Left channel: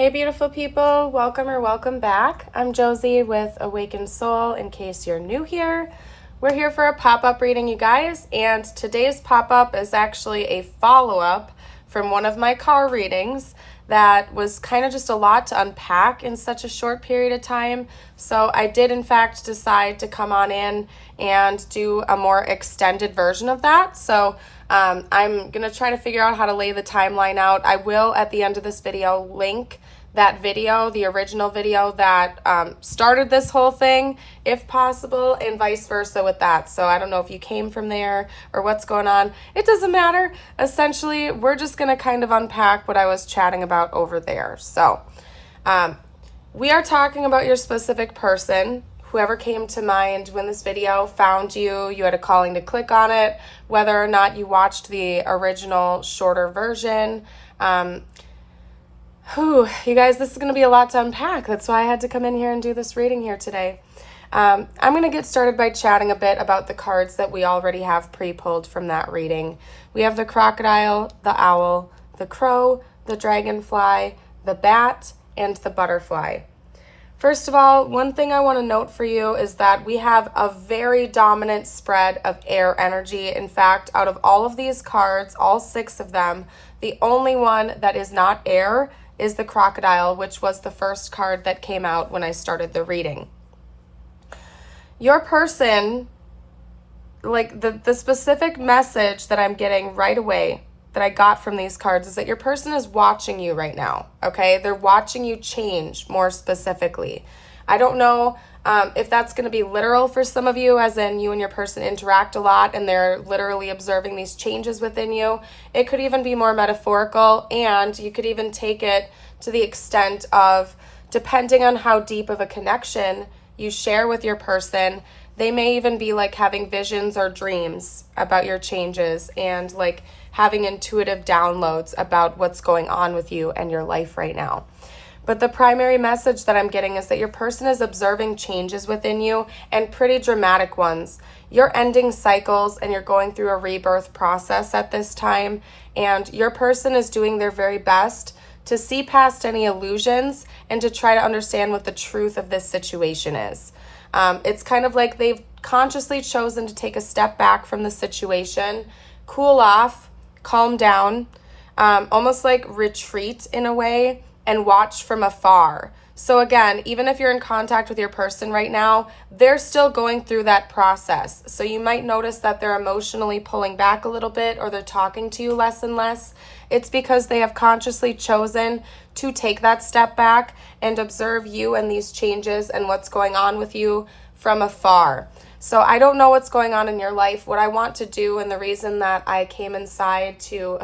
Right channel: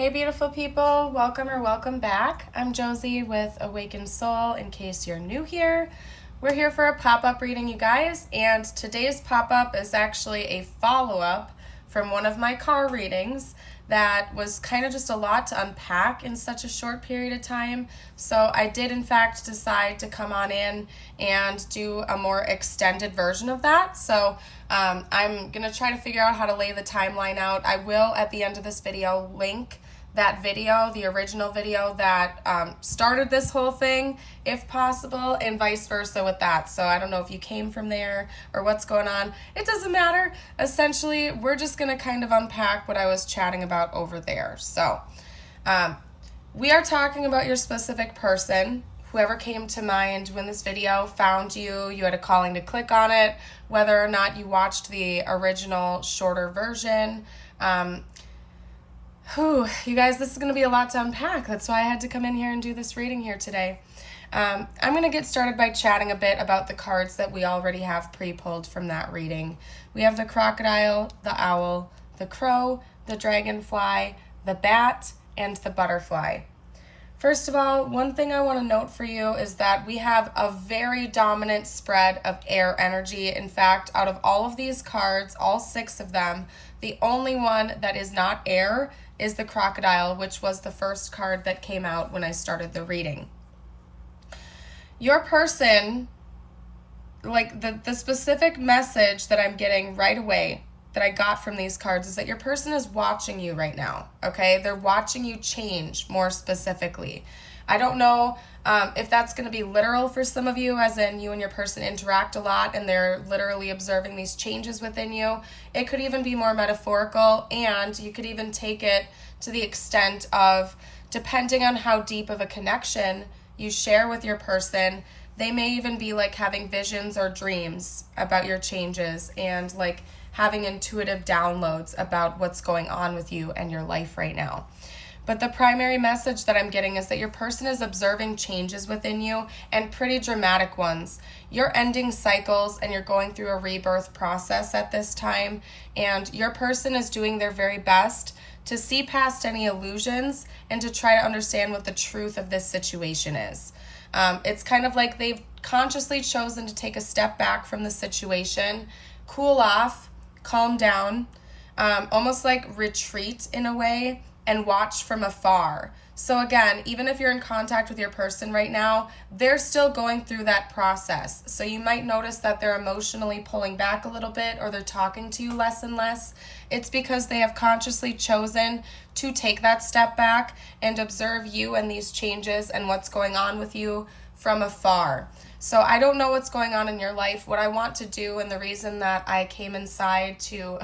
Hey beautiful people, welcome or welcome back. I'm Josie with Awakened Soul. In case you're new here, we're here for a pop-up reading, you guys, and today's pop-up is actually a follow-up from one of my car readings that was kind of just a lot to unpack in such a short period of time. So I did in fact decide to come on in and do a more extended version of that. So I'm going to try to figure out how to lay the timeline out. I will, at the end of this video, link that video, the original video that started this whole thing, if possible, and vice versa with that. So I don't know if you came from there or what's going on. It doesn't matter. Essentially, we're just going to kind of unpack what I was chatting about over there. So we are talking about your specific person. Whoever came to mind when this video found you, you had a calling to click on it, whether or not you watched the original shorter version. You guys, this is going to be a lot to unpack. That's why I had to come in here and do this reading here today. I'm going to get started by chatting a bit about the cards that we already have pre-pulled from that reading. We have the crocodile, the owl, the crow, the dragonfly, the bat, and the butterfly. First of all, one thing I want to note for you is that we have a very dominant spread of air energy. In fact, out of all of these cards, all 6 of them, the only one that is not air is the crocodile, which was the first card that came out when I started the reading. Your person, like the specific message that I'm getting right away that I got from these cards is that your person is watching you right now, okay? They're watching you change more specifically. I don't know if that's going to be literal for some of you, as in you and your person interact a lot and they're literally observing these changes within you. It could even be more metaphorical, and you could even take it to the extent of, depending on how deep of a connection you share with your person, they may even be like having visions or dreams about your changes and like having intuitive downloads about what's going on with you and your life right now. But the primary message that I'm getting is that your person is observing changes within you, and pretty dramatic ones. You're ending cycles and you're going through a rebirth process at this time, and your person is doing their very best to see past any illusions and to try to understand what the truth of this situation is. It's kind of like they've consciously chosen to take a step back from the situation, cool off, calm down, almost like retreat in a way, and watch from afar. So again, even if you're in contact with your person right now, they're still going through that process. So you might notice that they're emotionally pulling back a little bit, or they're talking to you less and less. It's because they have consciously chosen to take that step back and observe you and these changes and what's going on with you from afar. So I don't know what's going on in your life. What I want to do, and the reason that I came inside to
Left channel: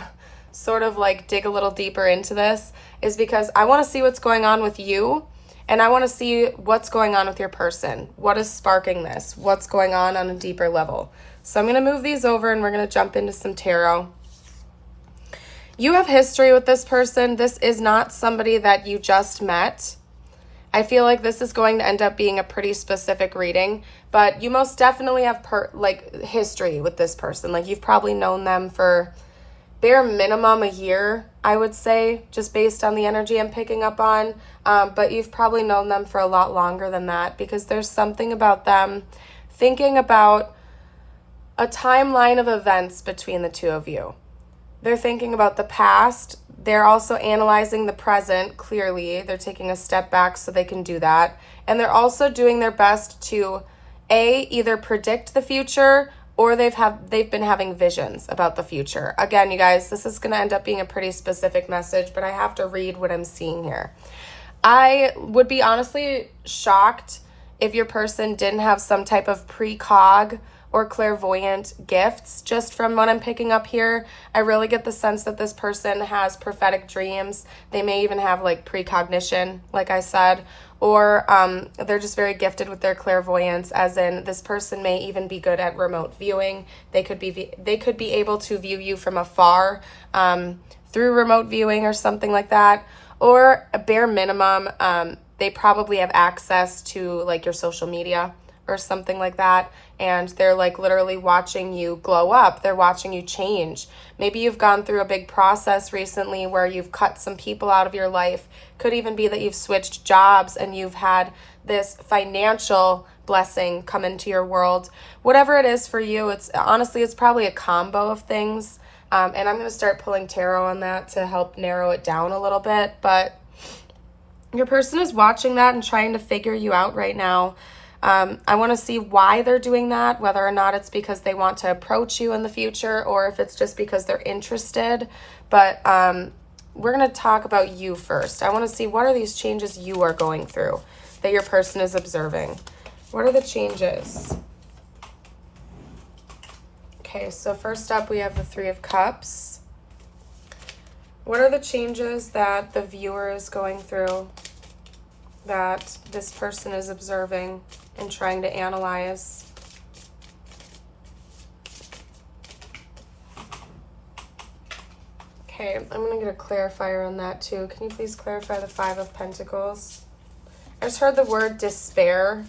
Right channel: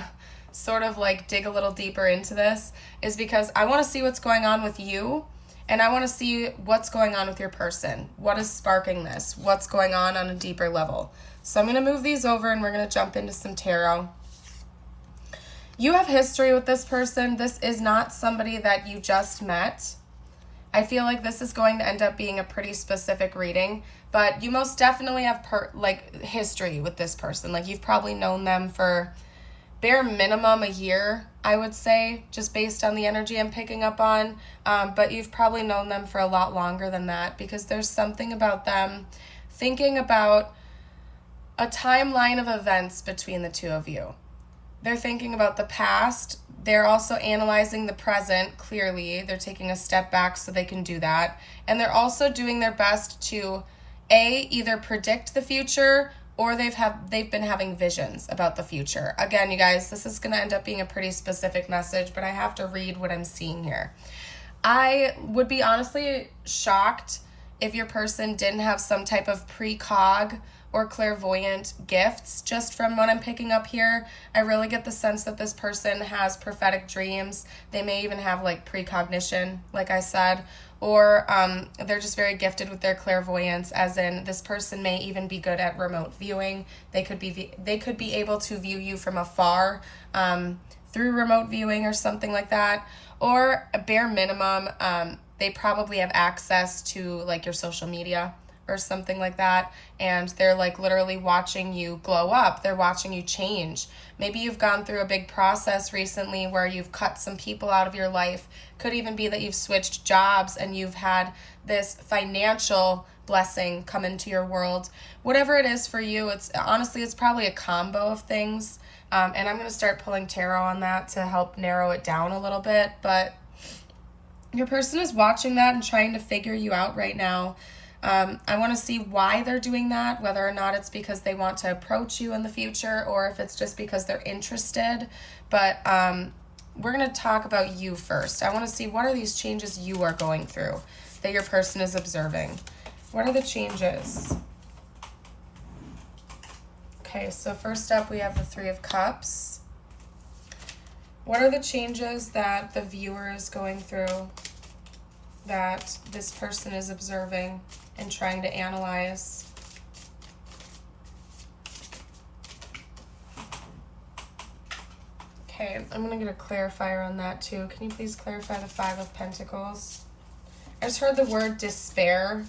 sort of like dig a little deeper into this, is because I want to see what's going on with you, and I want to see what's going on with your person. What is sparking this? What's going on a deeper level? So I'm going to move these over and we're going to jump into some tarot. You have history with this person. This is not somebody that you just met. I feel like this is going to end up being a pretty specific reading, but you most definitely have history with this person. Like, you've probably known them for bare minimum a year, I would say, just based on the energy I'm picking up on. But you've probably known them for a lot longer than that, because there's something about them thinking about a timeline of events between the two of you. They're thinking about the past. They're also analyzing the present, clearly. They're taking a step back so they can do that. And they're also doing their best to, either predict the future, or they've been having visions about the future. Again, you guys, this is going to end up being a pretty specific message, but I have to read what I'm seeing here. I would be honestly shocked if your person didn't have some type of precog or clairvoyant gifts. Just from what I'm picking up here, I really get the sense that this person has prophetic dreams. They may even have like precognition, like I said, or they're just very gifted with their clairvoyance, as in this person may even be good at remote viewing. They could be able to view you from afar through remote viewing or something like that, or a bare minimum, they probably have access to like your social media or something like that, and they're like literally watching you glow up. They're watching you change. Maybe you've gone through a big process recently where you've cut some people out of your life. Could even be that you've switched jobs and you've had this financial blessing come into your world. Whatever it is for you, it's honestly, it's probably a combo of things. And I'm going to start pulling tarot on that to help narrow it down a little bit. But your person is watching that and trying to figure you out right now. I want to see why they're doing that, whether or not it's because they want to approach you in the future or if it's just because they're interested. But we're going to talk about you first. I want to see, what are these changes you are going through that your person is observing? What are the changes? Okay, so first up we have the Three of Cups. What are the changes that the viewer is going through that this person is observing and trying to analyze? Okay, I'm going to get a clarifier on that too. Can you please clarify the Five of Pentacles? I just heard the word despair.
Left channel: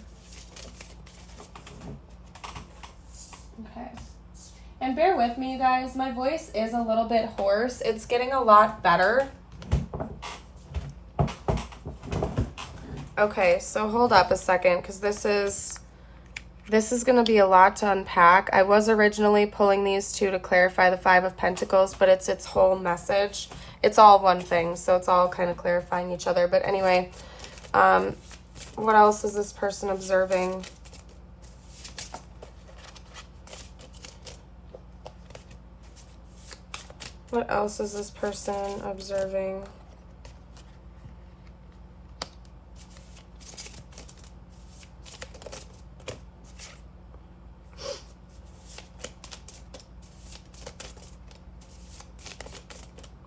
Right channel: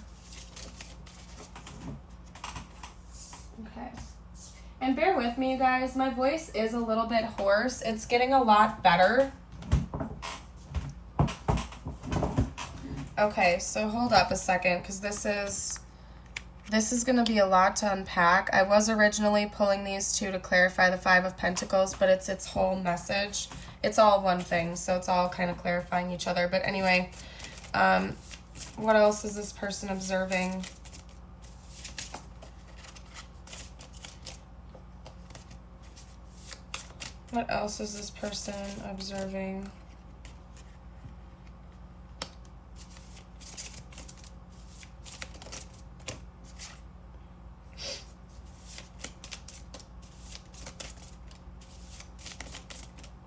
Okay. And bear with me, you guys. My voice is a little bit hoarse. It's getting a lot better. Okay, so hold up a second, because this is going to be a lot to unpack. I was originally pulling these two to clarify the Five of Pentacles, but it's its whole message. It's all one thing, so it's all kind of clarifying each other. But anyway, what else is this person observing? What else is this person observing?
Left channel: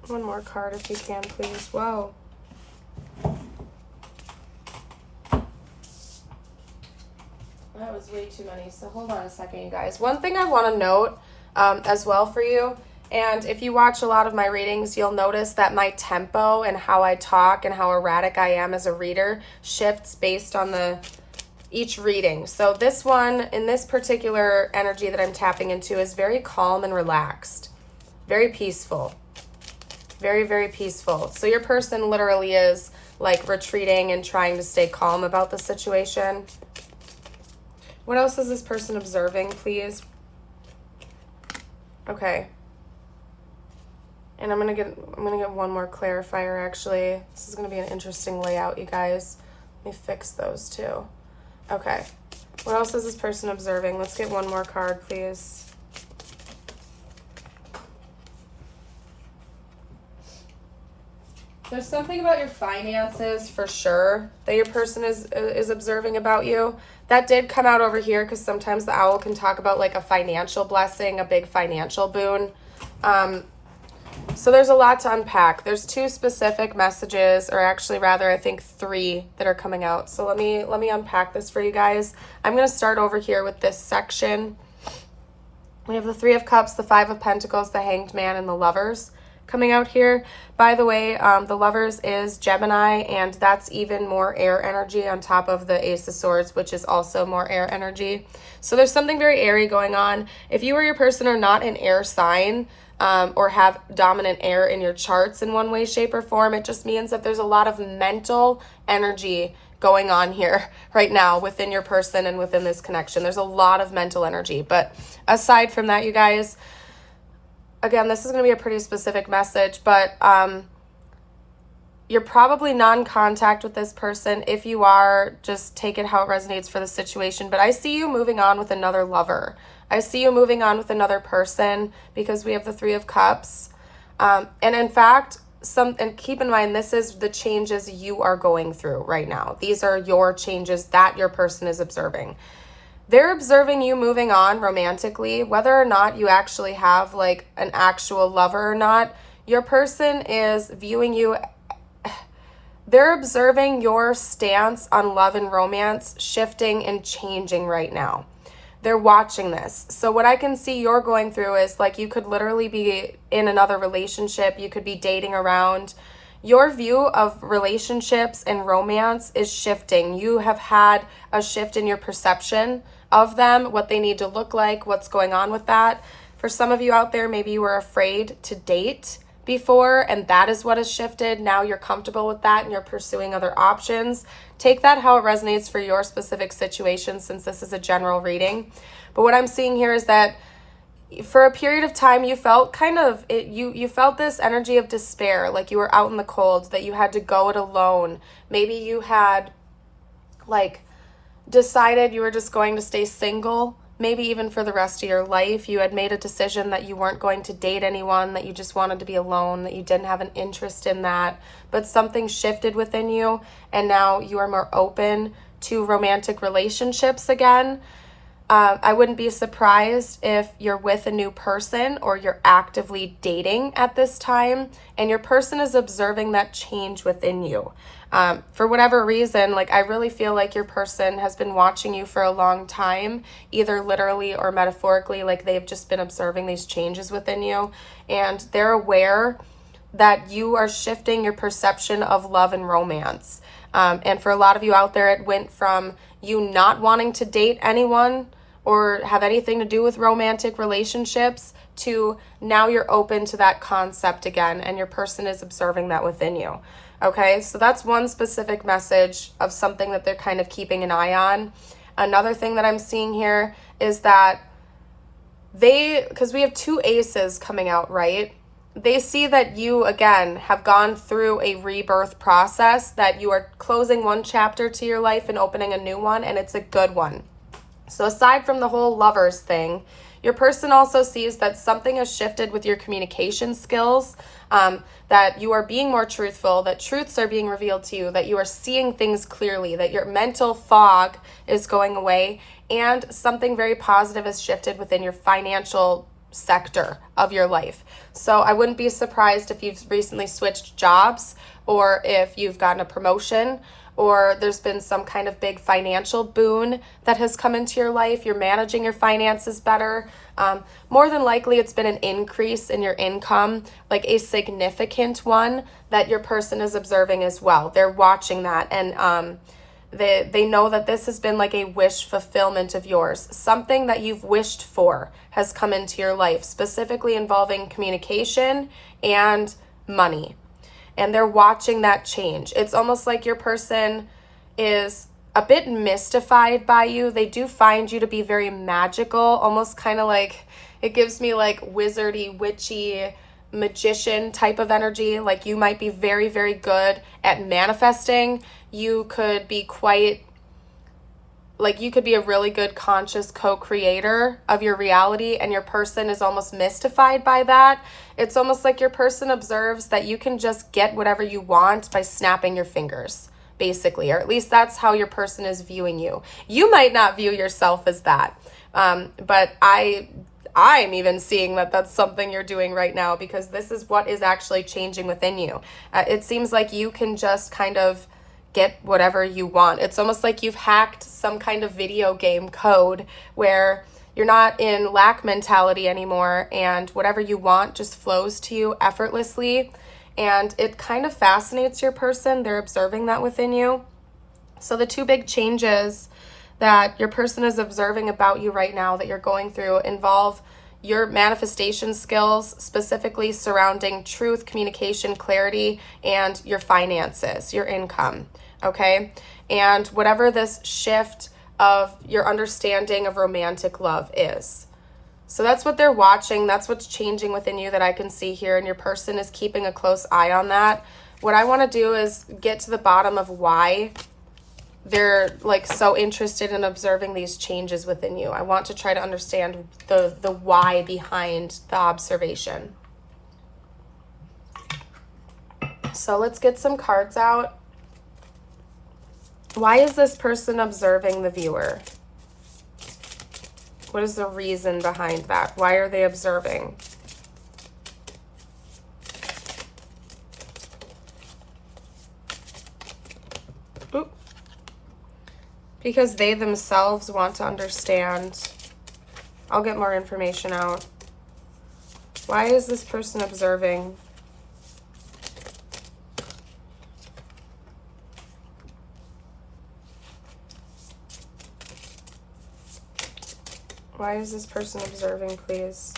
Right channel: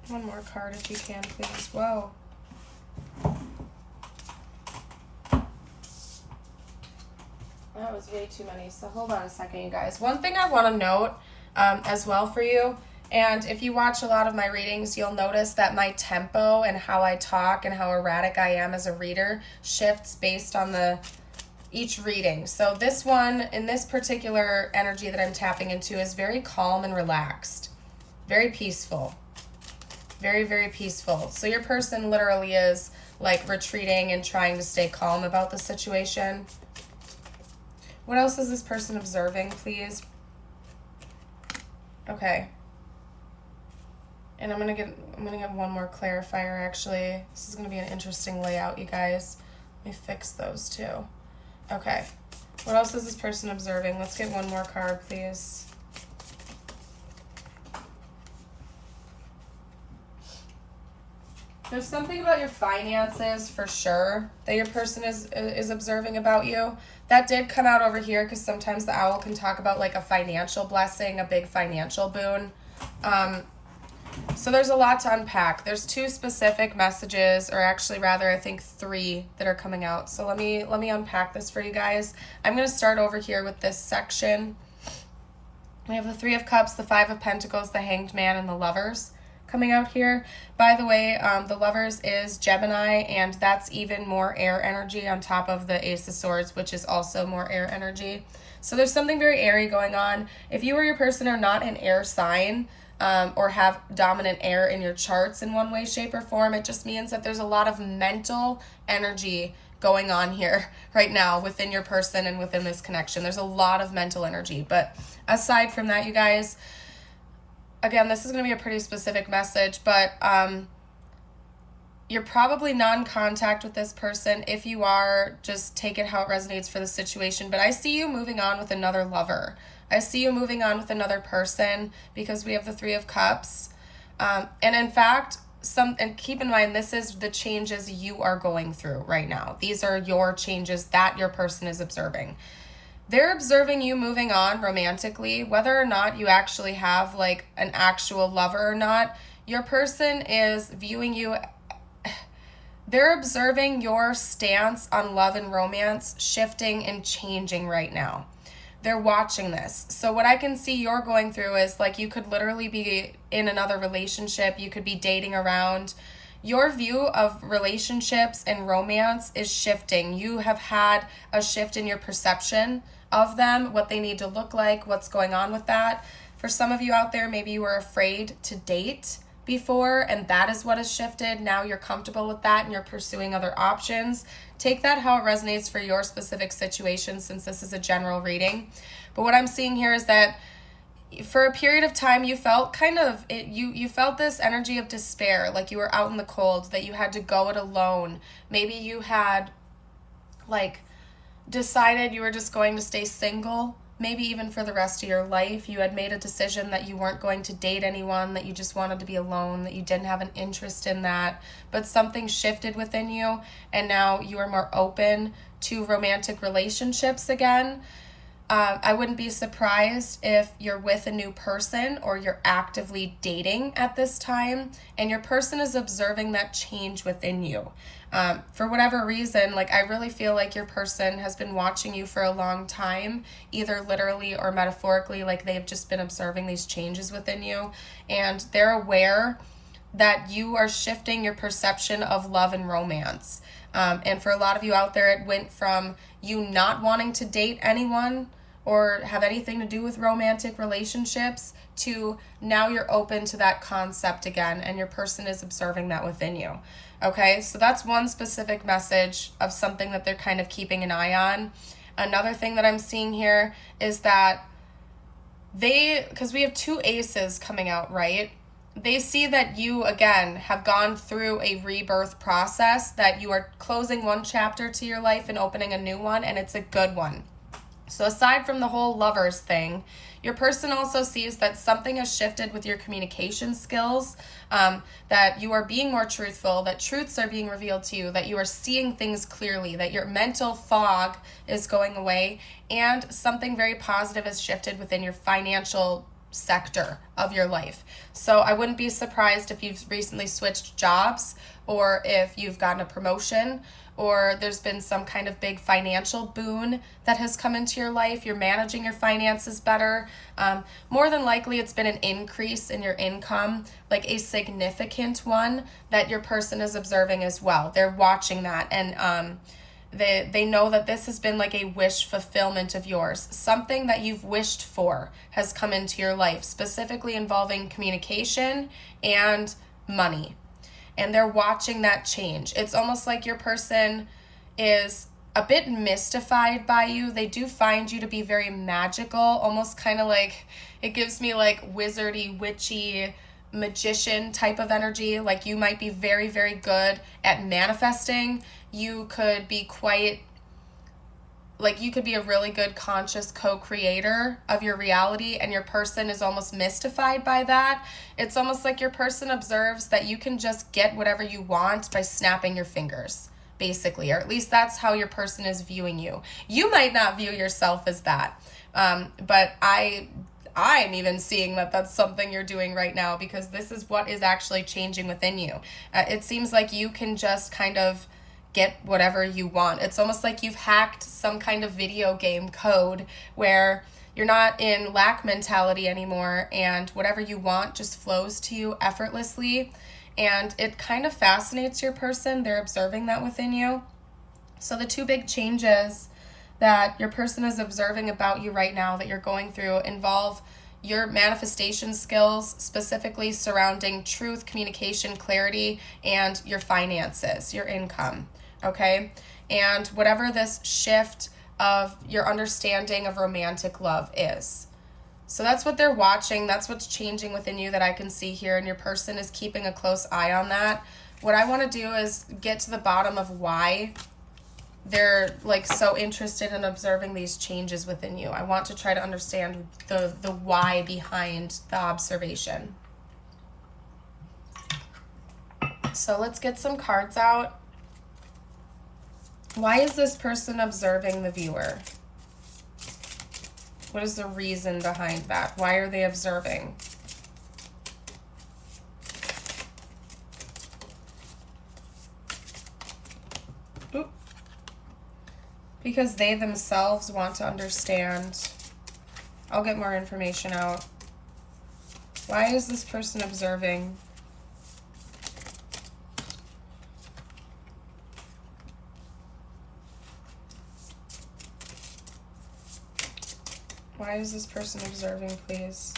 One more card if you can, please. Whoa. That was way too many, so hold on a second, you guys. One thing I want to note as well for you, and if you watch a lot of my readings, you'll notice that my tempo and how I talk and how erratic I am as a reader shifts based on each reading. So this one, in this particular energy that I'm tapping into, is very calm and relaxed, very peaceful, very, very peaceful. So your person literally is like retreating and trying to stay calm about the situation. What else is this person observing, please? Okay. And I'm gonna get one more clarifier, actually. This is gonna be an interesting layout, you guys. Let me fix those too. Okay. What else is this person observing? Let's get one more card, please. There's something about your finances for sure that your person is observing about you. That did come out over here because sometimes the owl can talk about like a financial blessing, a big financial boon. So there's a lot to unpack. There's two specific messages, or actually rather I think three, that are coming out. So let me unpack this for you guys. I'm going to start over here with this section. We have the Three of Cups, the Five of Pentacles, the Hanged Man, and the Lovers coming out here. By the way, the Lovers is Gemini, and that's even more air energy on top of the Ace of Swords, which is also more air energy. So there's something very airy going on. If you or your person are not an air sign, or have dominant air in your charts in one way, shape, or form, it just means that there's a lot of mental energy going on here right now within your person and within this connection. There's a lot of mental energy. But aside from that, you guys, again, this is going to be a pretty specific message, but you're probably non-contact with this person. If you are, just take it how it resonates for the situation. But I see you moving on with another lover. I see you moving on with another person because we have the Three of Cups. And in fact, and keep in mind, this is the changes you are going through right now. These are your changes that your person is observing. They're observing you moving on romantically, whether or not you actually have like an actual lover or not. Your person is viewing you. They're observing your stance on love and romance shifting and changing right now. They're watching this. So what I can see you're going through is like you could literally be in another relationship. You could be dating around. Your view of relationships and romance is shifting. You have had a shift in your perception of them, what they need to look like, what's going on with that. For some of you out there, maybe you were afraid to date before, and that is what has shifted. Now you're comfortable with that and you're pursuing other options. Take that how it resonates for your specific situation, since this is a general reading. But what I'm seeing here is that for a period of time, you felt you felt this energy of despair, like you were out in the cold, that you had to go it alone. Maybe you had decided you were just going to stay single, maybe even for the rest of your life. You had made a decision that you weren't going to date anyone, that you just wanted to be alone, that you didn't have an interest in that, but something shifted within you, and now you are more open to romantic relationships again. I wouldn't be surprised if you're with a new person or you're actively dating at this time, and your person is observing that change within you. For whatever reason, I really feel like your person has been watching you for a long time, either literally or metaphorically, they've just been observing these changes within you, and they're aware that you are shifting your perception of love and romance. And for a lot of you out there, it went from you not wanting to date anyone or have anything to do with romantic relationships to now you're open to that concept again, and your person is observing that within you. Okay, so that's one specific message of something that they're kind of keeping an eye on. Another thing that I'm seeing here is that because we have two aces coming out, right? They see that you, again, have gone through a rebirth process, that you are closing one chapter to your life and opening a new one, and it's a good one. So aside from the whole lovers thing, your person also sees that something has shifted with your communication skills, that you are being more truthful, that truths are being revealed to you, that you are seeing things clearly, that your mental fog is going away, and something very positive has shifted within your financial sector of your life. So I wouldn't be surprised if you've recently switched jobs, or if you've gotten a promotion, or there's been some kind of big financial boon that has come into your life. You're managing your finances better. More than likely, it's been an increase in your income, a significant one that your person is observing as well. They're watching that, and they know that this has been a wish fulfillment of yours. Something that you've wished for has come into your life, specifically involving communication and money. And they're watching that change. It's almost like your person is a bit mystified by you. They do find you to be very magical, almost kind of it gives me wizardy, witchy, magician type of energy. You might be very, very good at manifesting. You could be you could be a really good conscious co-creator of your reality, and your person is almost mystified by that. It's almost like your person observes that you can just get whatever you want by snapping your fingers, basically, or at least that's how your person is viewing you. You might not view yourself as that, but I'm even seeing that that's something you're doing right now, because this is what is actually changing within you. It seems like you can just kind of get whatever you want. It's almost like you've hacked some kind of video game code where you're not in lack mentality anymore, and whatever you want just flows to you effortlessly. And it kind of fascinates your person. They're observing that within you. So the two big changes that your person is observing about you right now that you're going through involve your manifestation skills, specifically surrounding truth, communication, clarity, and your finances, your income, okay? And whatever this shift of your understanding of romantic love is. So that's what they're watching. That's what's changing within you that I can see here, and your person is keeping a close eye on that. What I want to do is get to the bottom of why they're so interested in observing these changes within you. I want to try to understand the why behind the observation. So let's get some cards out. Why is this person observing the viewer? What is the reason behind that? Why are they observing? Oop. Because they themselves want to understand. I'll get more information out. Why is this person observing? Why is this person observing, please?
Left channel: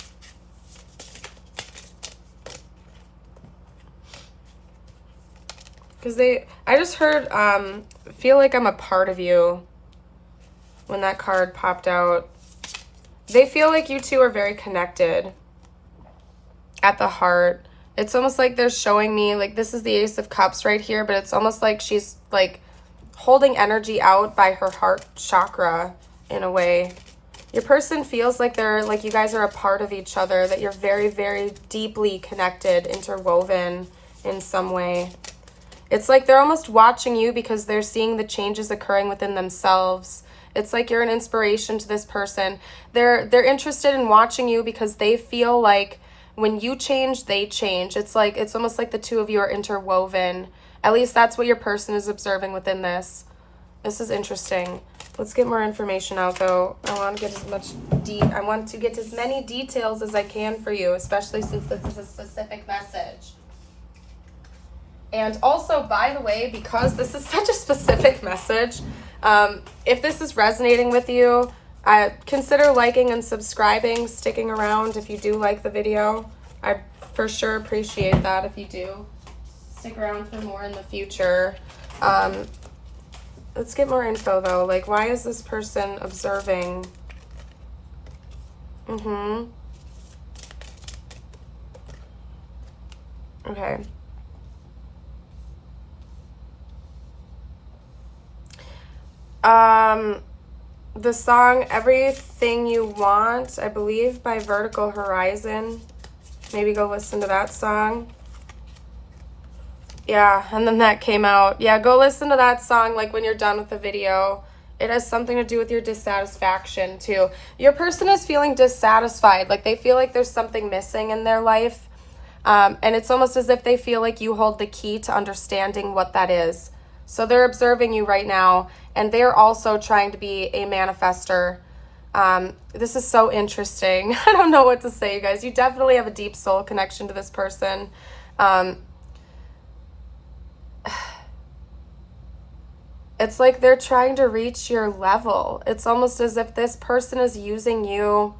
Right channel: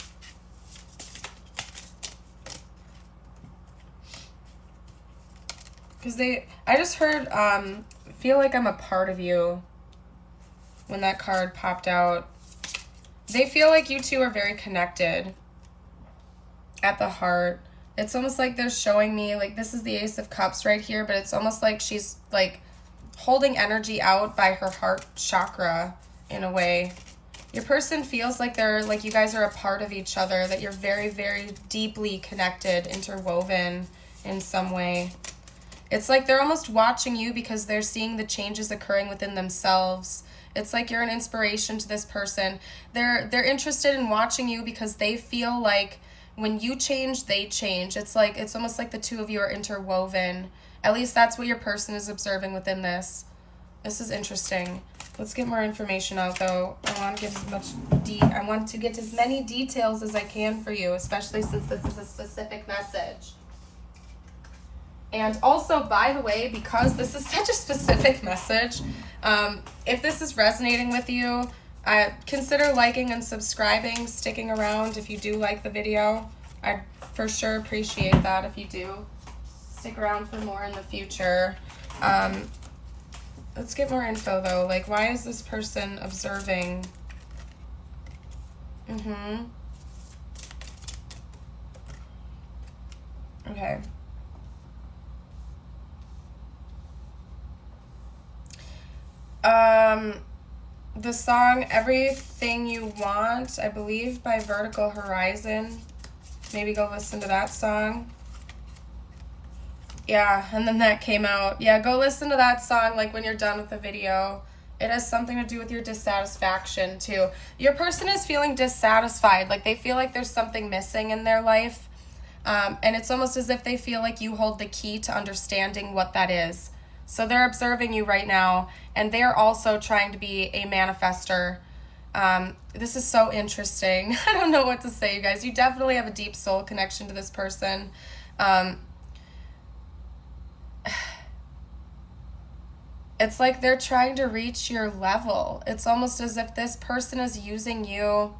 Because I just heard, feel like I'm a part of you when that card popped out. They feel like you two are very connected at the heart. It's almost like they're showing me, like, this is the Ace of Cups right here, but it's almost like she's, like, holding energy out by her heart chakra in a way. Your person feels like you guys are a part of each other, that you're very, very deeply connected, interwoven in some way. It's like they're almost watching you because they're seeing the changes occurring within themselves. It's like you're an inspiration to this person. They're interested in watching you because they feel like when you change, they change. It's almost like the two of you are interwoven. At least that's what your person is observing within this. This is interesting. Let's get more information out, though. I want to get as many details as I can for you, especially since this is a specific message. And also, by the way, because this is such a specific message, if this is resonating with you, consider liking and subscribing, sticking around if you do like the video. I for sure appreciate that if you do. Stick around for more in the future. Let's get more info, though. Like, why is this person observing? Okay. The song Everything You Want, I believe, by Vertical Horizon. Maybe go listen to that song. Yeah, and then that came out. Yeah, go listen to that song, like, when you're done with the video. It has something to do with your dissatisfaction, too. Your person is feeling dissatisfied. Like, they feel like there's something missing in their life. And it's almost as if they feel like you hold the key to understanding what that is. So they're observing you right now, and they're also trying to be a manifester. This is so interesting. I don't know what to say, you guys. You definitely have a deep soul connection to this person. It's like they're trying to reach your level. It's almost as if this person is using you.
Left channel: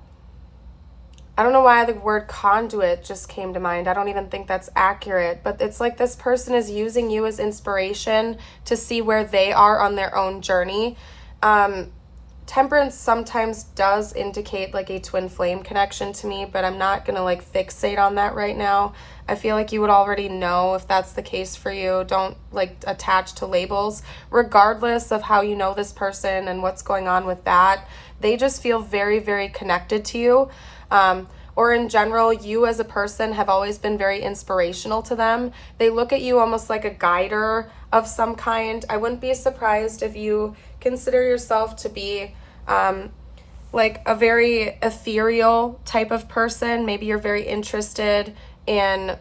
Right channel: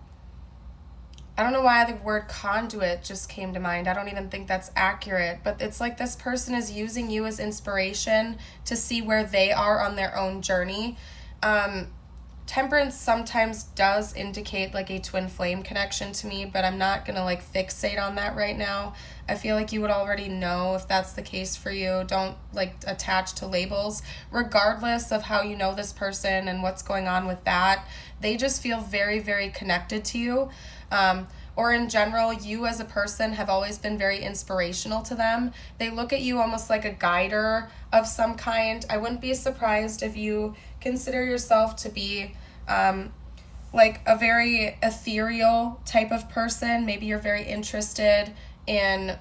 I don't know why the word conduit just came to mind. I don't even think that's accurate, but it's like this person is using you as inspiration to see where they are on their own journey. Temperance sometimes does indicate like a twin flame connection to me, but I'm not going to like fixate on that right now. I feel like you would already know if that's the case for you. Don't like attach to labels. Regardless of how you know this person and what's going on with that, they just feel very, very connected to you. Or in general, you as a person have always been very inspirational to them. They look at you almost like a guider of some kind. I wouldn't be surprised if you consider yourself to be like a very ethereal type of person. Maybe you're very interested in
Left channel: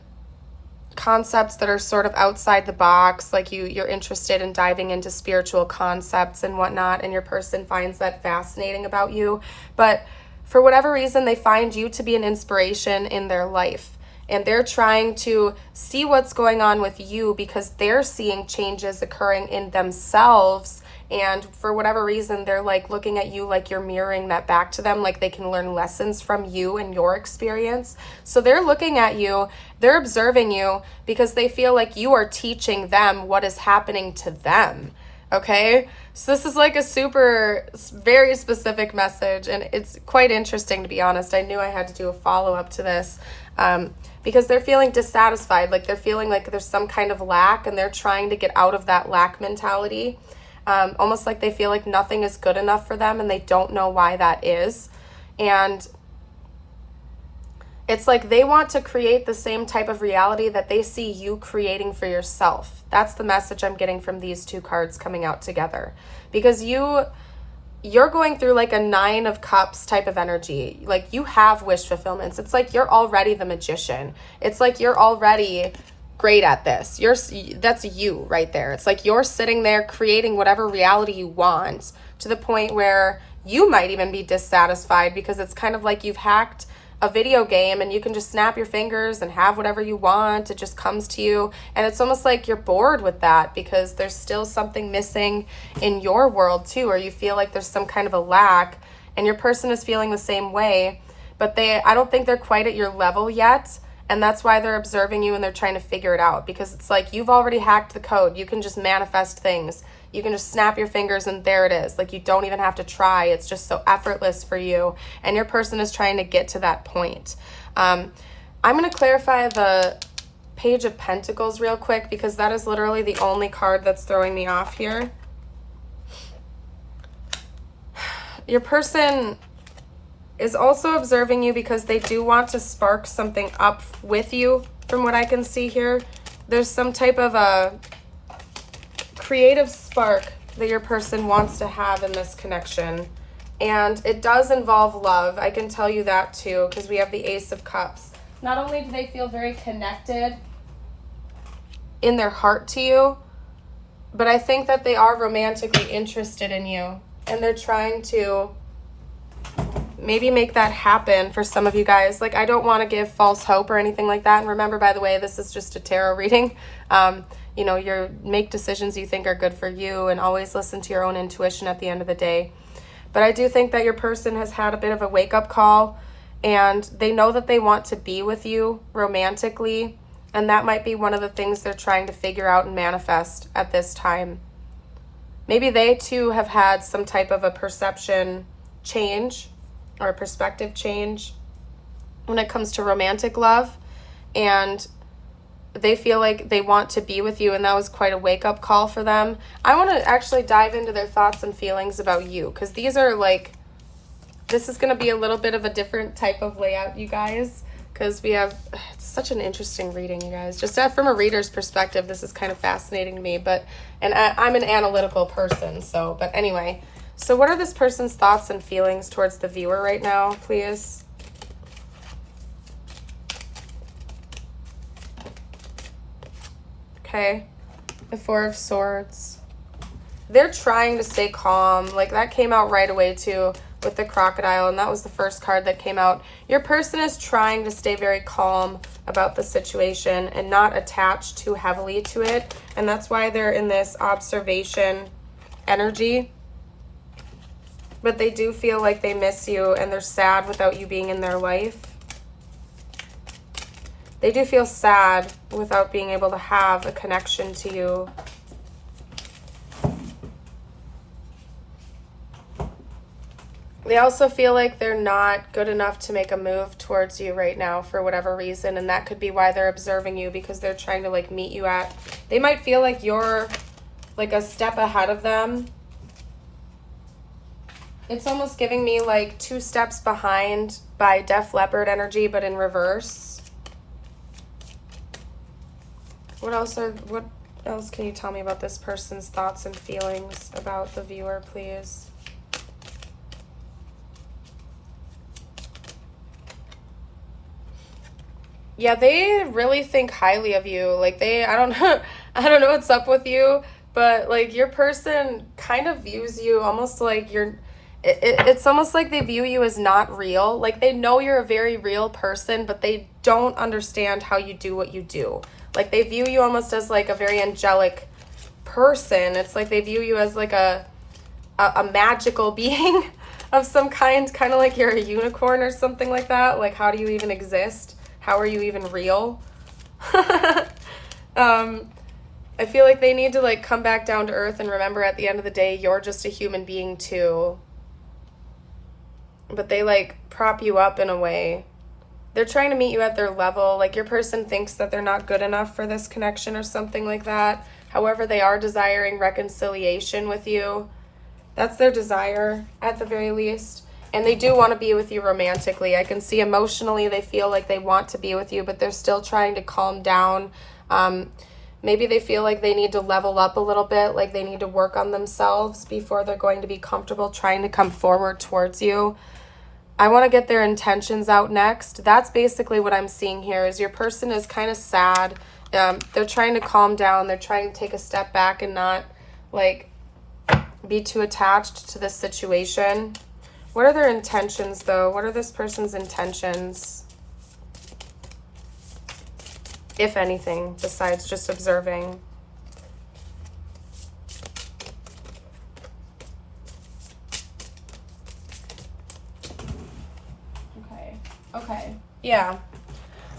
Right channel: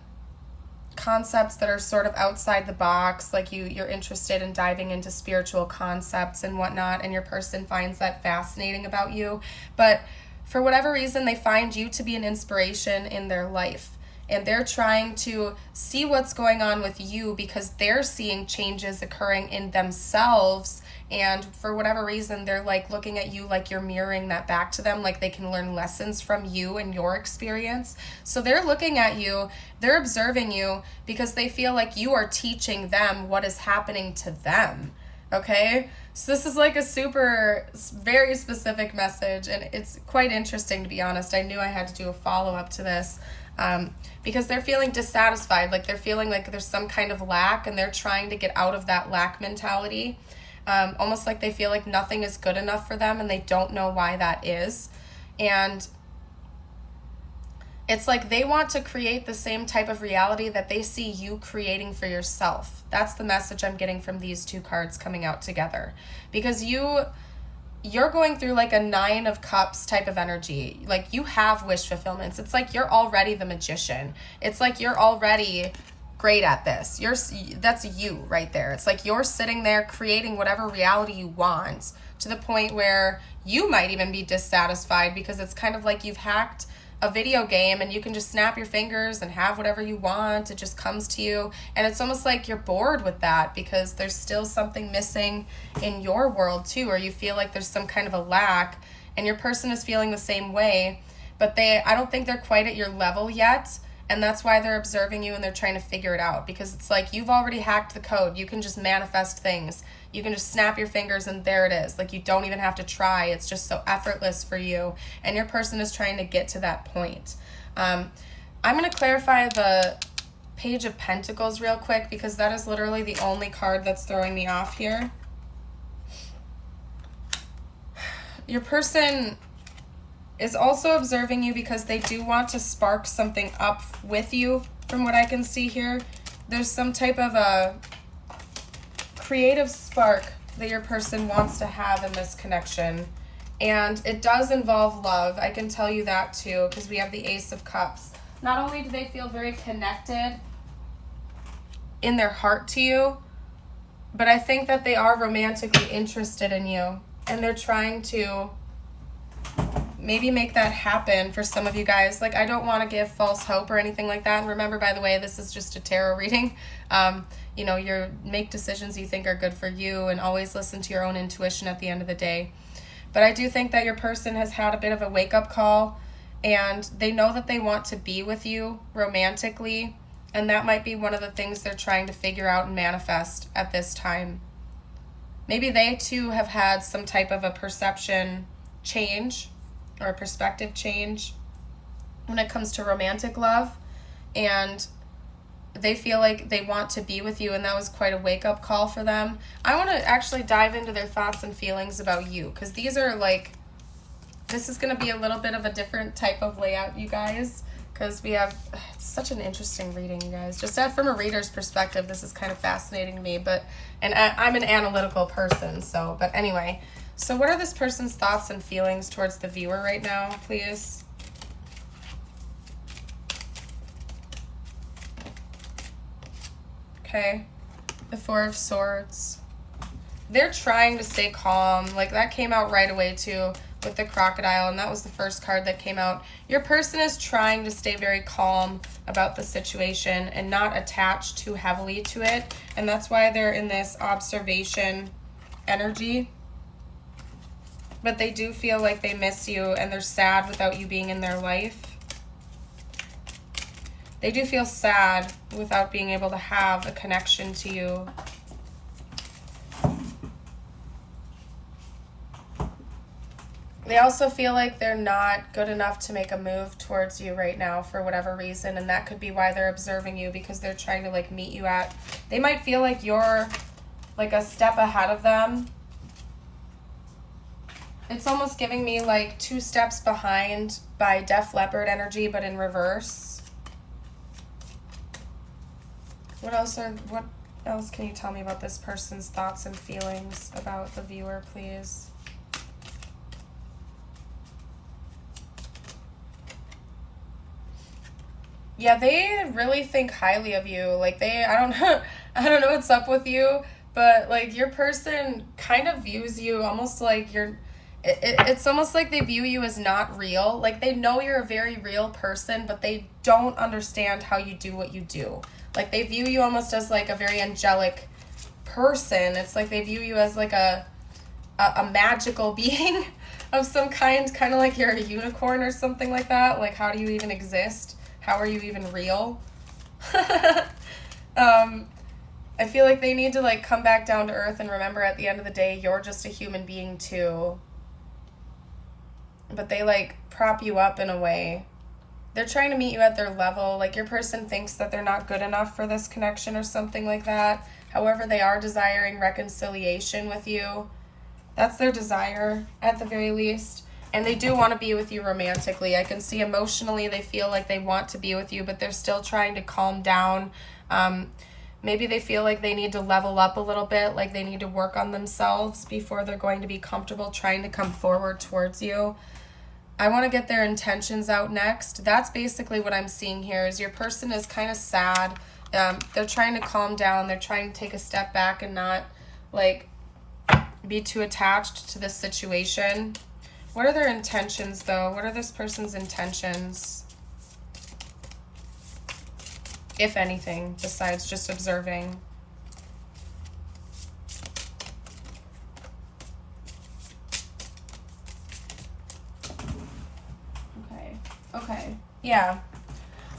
concepts that are sort of outside the box, like you're interested in diving into spiritual concepts and whatnot, and your person finds that fascinating about you. But for whatever reason, they find you to be an inspiration in their life. And they're trying to see what's going on with you because they're seeing changes occurring in themselves. And for whatever reason, they're like looking at you like you're mirroring that back to them, like they can learn lessons from you and your experience. So they're looking at you, they're observing you because they feel like you are teaching them what is happening to them. Okay? So this is like a very specific message, and it's quite interesting, to be honest. I knew I had to do a follow-up to this because they're feeling dissatisfied, like they're feeling like there's some kind of lack, and they're trying to get out of that lack mentality, almost like they feel like nothing is good enough for them, and they don't know why that is. And it's like they want to create the same type of reality that they see you creating for yourself. That's the message I'm getting from these two cards coming out together. Because you're going through like a 9 of Cups type of energy. Like you have wish fulfillments. It's like you're already the magician. It's like you're already great at this. That's you right there. It's like you're sitting there creating whatever reality you want to the point where you might even be dissatisfied because it's kind of like you've hacked a video game and you can just snap your fingers and have whatever you want. It just comes to you. And it's almost like you're bored with that because there's still something missing in your world too, or you feel like there's some kind of a lack. and your person is feeling the same way, but I don't think they're quite at your level yet, and that's why they're observing you and they're trying to figure it out, because it's like you've already hacked the code. You can just manifest things. You can just snap your fingers and there it is. Like, you don't even have to try. It's just so effortless for you, and your person is trying to get to that point. I'm going to clarify the Page of Pentacles real quick, because that is literally the only card that's throwing me off here. Your person is also observing you because they do want to spark something up with you. From what I can see here, there's some type of a creative spark that your person wants to have in this connection, and it does involve love. I can tell you that too, because we have the Ace of Cups. Not only do they feel very connected in their heart to you, but I think that they are romantically interested in you, and they're trying to maybe make that happen for some of you guys. Like, I don't want to give false hope or anything like that. And remember, by the way, this is just a tarot reading. You know, make decisions you think are good for you, and always listen to your own intuition at the end of the day. But I do think that your person has had a bit of a wake-up call, and they know that they want to be with you romantically, and that might be one of the things they're trying to figure out and manifest at this time. Maybe they too have had some type of a perception change or a perspective change when it comes to romantic love, and they feel like they want to be with you, and that was quite a wake-up call for them. I want to actually dive into their thoughts and feelings about you, because these are like, this is going to be a little bit of a different type of layout, you guys, because we have, it's such an interesting reading, you guys. Just from a reader's perspective, this is kind of fascinating to me, and I'm an analytical person, so, but anyway. So what are this person's thoughts and feelings towards the viewer right now, please? Okay, the Four of Swords. They're trying to stay calm. Like, that came out right away too with the crocodile, and that was the first card that came out. Your person is trying to stay very calm about the situation and not attach too heavily to it, and that's why they're in this observation energy. But they do feel like they miss you, and they're sad without you being in their life. They do feel sad without being able to have a connection to you. They also feel like they're not good enough to make a move towards you right now for whatever reason, and that could be why they're observing you, because they're trying to like meet you at, they might feel like you're like a step ahead of them. It's almost giving me like 2 steps behind by Def Leppard energy, but in reverse. What else can you tell me about this person's thoughts and feelings about the viewer, please? Yeah, they really think highly of you. Like, I don't know what's up with you, but like your person kind of views you almost like it's almost like they view you as not real. Like, they know you're a very real person, but they don't understand how you do what you do. Like, they view you almost as like a very angelic person. It's like they view you as like a magical being of some kind of like you're a unicorn or something like that. Like, how do you even exist? How are you even real? I feel like they need to like come back down to earth and remember at the end of the day, you're just a human being too. But they like prop you up in a way. They're trying to meet you at their level. Like, your person thinks that they're not good enough for this connection or something like that. However, they are desiring reconciliation with you. That's their desire at the very least. And they do want to be with you romantically. I can see emotionally they feel like they want to be with you, but they're still trying to calm down. Maybe they feel like they need to level up a little bit, like they need to work on themselves before they're going to be comfortable trying to come forward towards you. I want to get their intentions out next. That's basically what I'm seeing here, is your person is kind of sad. They're trying to calm down. They're trying to take a step back and not like be too attached to this situation. What are their intentions though? What are this person's intentions? If anything, besides just observing. Okay. Yeah.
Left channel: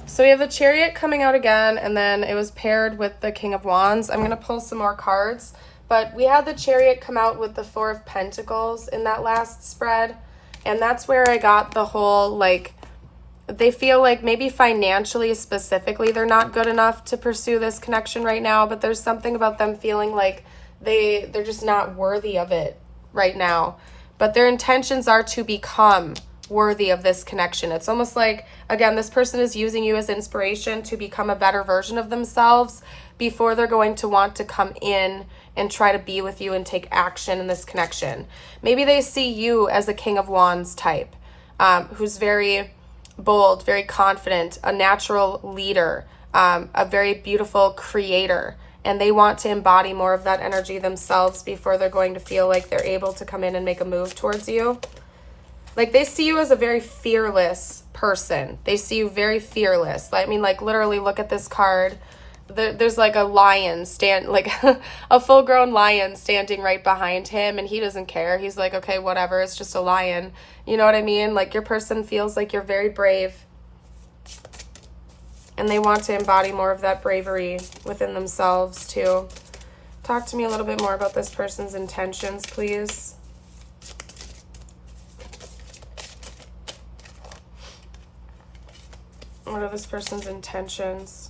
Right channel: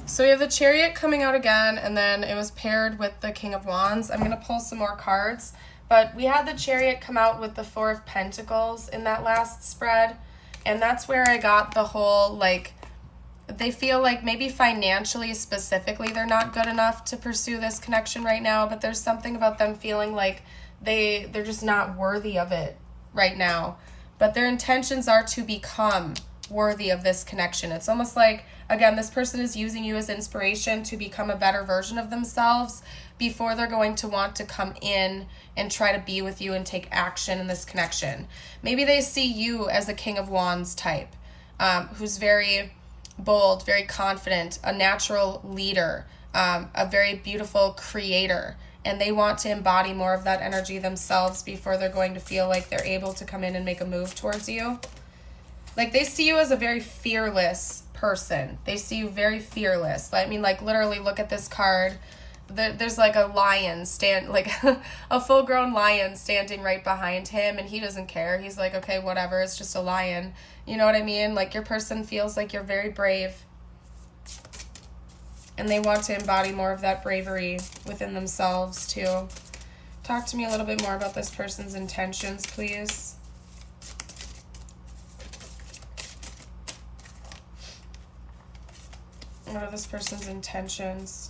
So we have the Chariot coming out again, and then it was paired with the King of Wands. I'm going to pull some more cards, but we had the Chariot come out with the Four of Pentacles in that last spread, and that's where I got the whole, like, they feel like maybe financially specifically they're not good enough to pursue this connection right now, but there's something about them feeling like they're just not worthy of it right now. But their intentions are to become worthy of this connection. It's almost like, again, this person is using you as inspiration to become a better version of themselves before they're going to want to come in and try to be with you and take action in this connection. Maybe they see you as a King of Wands type, who's very bold, very confident, a natural leader, a very beautiful creator, and they want to embody more of that energy themselves before they're going to feel like they're able to come in and make a move towards you. Like, they see you as a very fearless person. They see you very fearless. I mean, like, literally look at this card. There's like a lion like a full-grown lion standing right behind him, and he doesn't care. He's like, okay, whatever, it's just a lion. You know what I mean? Like, your person feels like you're very brave, and they want to embody more of that bravery within themselves too. Talk to me a little bit more about this person's intentions, please. What are this person's intentions?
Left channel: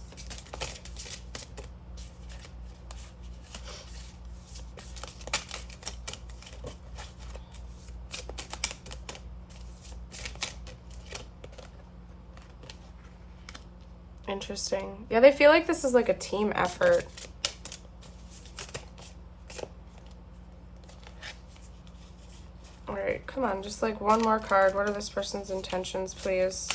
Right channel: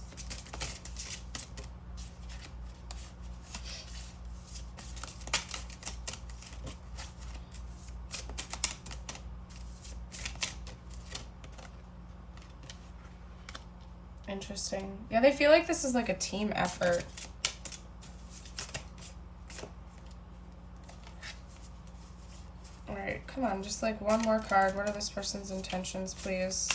Interesting. Yeah, they feel like this is like a team effort. All right, come on, just like one more card. What are this person's intentions, please?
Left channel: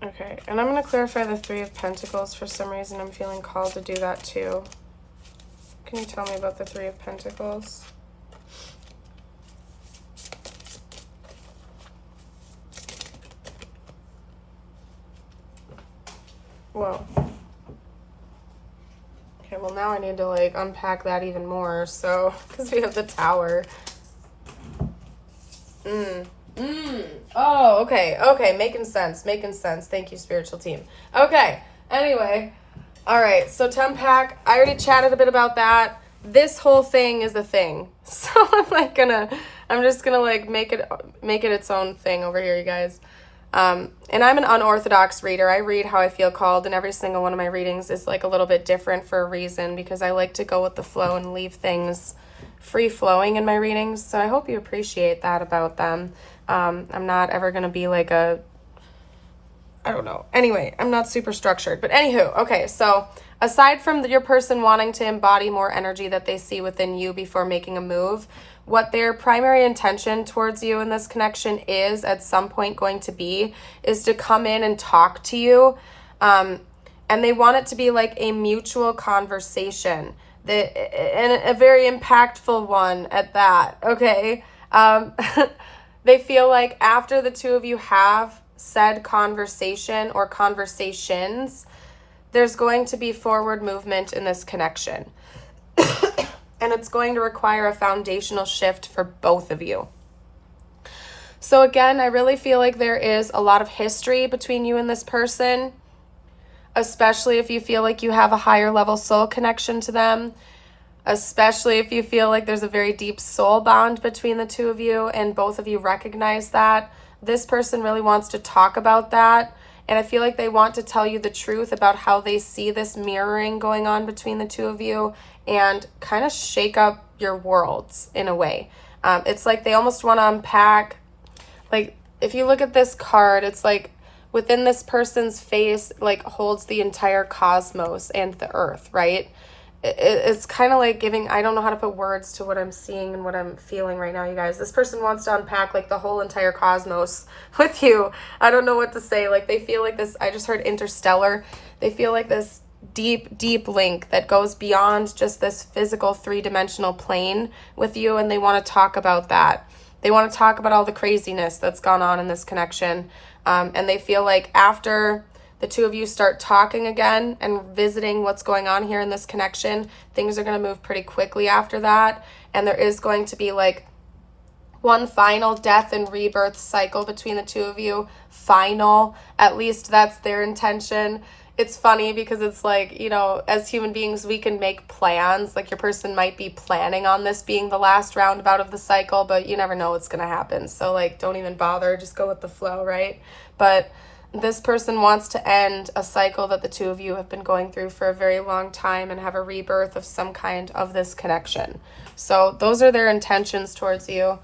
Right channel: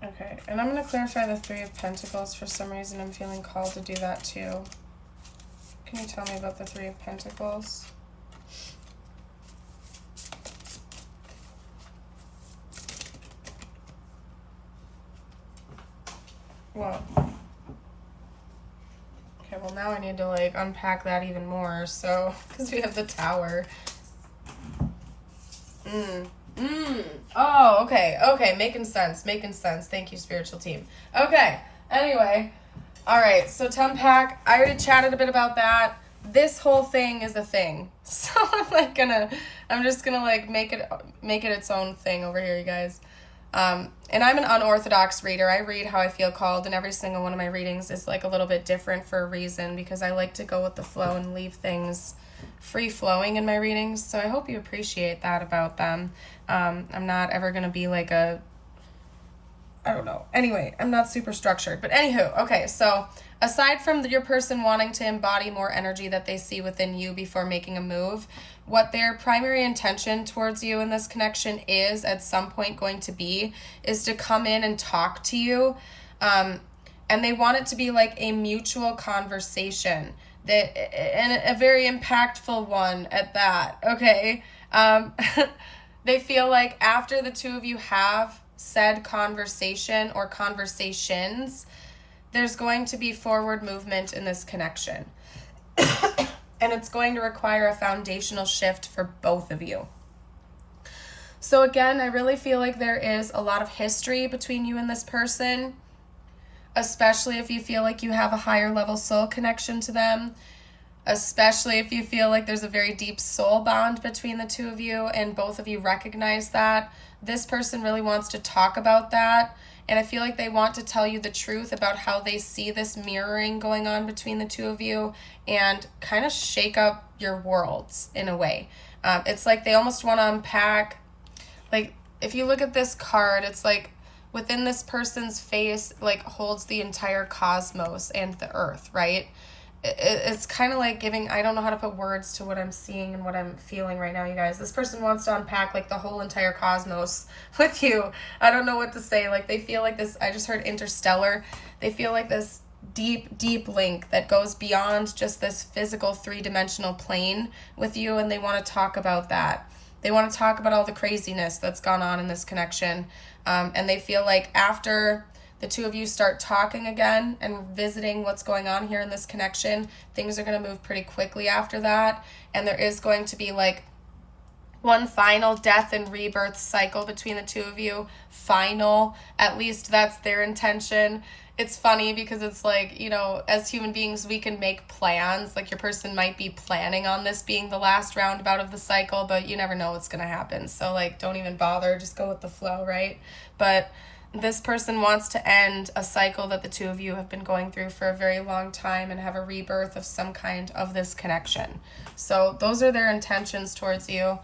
Okay, and I'm going to clarify the Three of Pentacles. For some reason, I'm feeling called to do that too. Can you tell me about the Three of Pentacles? Well, okay, well now I need to like unpack that even more, so, because we have the Tower. Oh, okay, making sense. Thank you, spiritual team. Okay, anyway, all right, so to unpack, I already chatted a bit about that. This whole thing is a thing, so I'm just gonna like make it its own thing over here, you guys. And I'm an unorthodox reader. I read how I feel called, and every single one of my readings is like a little bit different for a reason, because I like to go with the flow and leave things free flowing in my readings. So I hope you appreciate that about them. I'm not ever going to be like I don't know. Anyway, I'm not super structured, but anywho, okay. So aside from your person wanting to embody more energy that they see within you before making a move, what their primary intention towards you in this connection is at some point going to be is to come in and talk to you. And they want it to be like a mutual conversation, and a very impactful one at that, okay? They feel like after the two of you have said conversation or conversations, there's going to be forward movement in this connection. And it's going to require a foundational shift for both of you. So again, I really feel like there is a lot of history between you and this person, especially if you feel like you have a higher level soul connection to them, especially if you feel like there's a very deep soul bond between the two of you and both of you recognize that. This person really wants to talk about that. And I feel like they want to tell you the truth about how they see this mirroring going on between the two of you and kind of shake up your worlds in a way. It's like they almost want to unpack, like if you look at this card, it's like within this person's face, like holds the entire cosmos and the earth, right? It's kind of like giving, I don't know how to put words to what I'm seeing and what I'm feeling right now, you guys. This person wants to unpack like the whole entire cosmos with you. I don't know what to say. Like they feel like this, I just heard interstellar. They feel like this deep link that goes beyond just this physical 3-dimensional plane with you, and they want to talk about that. They want to talk about all the craziness that's gone on in this connection, and they feel like after the two of you start talking again and visiting what's going on here in this connection, things are going to move pretty quickly after that, and there is going to be like one final death and rebirth cycle between the two of you. Final, at least that's their intention. It's funny because it's like, you know, as human beings, we can make plans. Like your person might be planning on this being the last roundabout of the cycle, but you never know what's going to happen. So like, don't even bother, just go with the flow, right? But this person wants to end a cycle that the two of you have been going through for a very long time and have a rebirth of some kind of this connection. So those are their intentions towards you.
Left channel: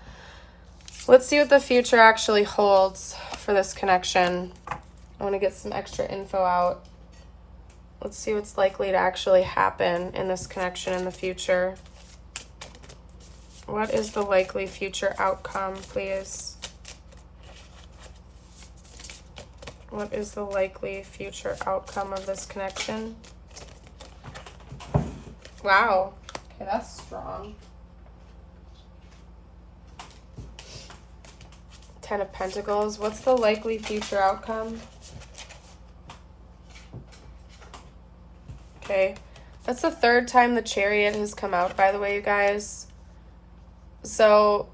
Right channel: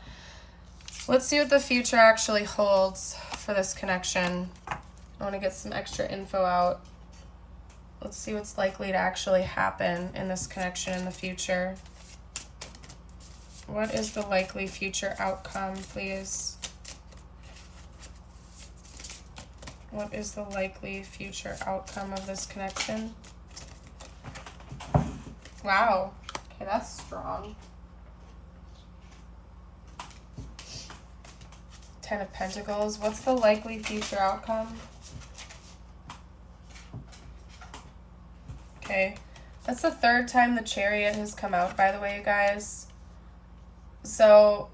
Let's see what the future actually holds for this connection. I want to get some extra info out. Let's see what's likely to actually happen in this connection in the future. What is the likely future outcome, please? What is the likely future outcome of this connection? Wow. Okay, that's strong. 10 of Pentacles. What's the likely future outcome? Okay. That's the third time the Chariot has come out, by the way, you guys. So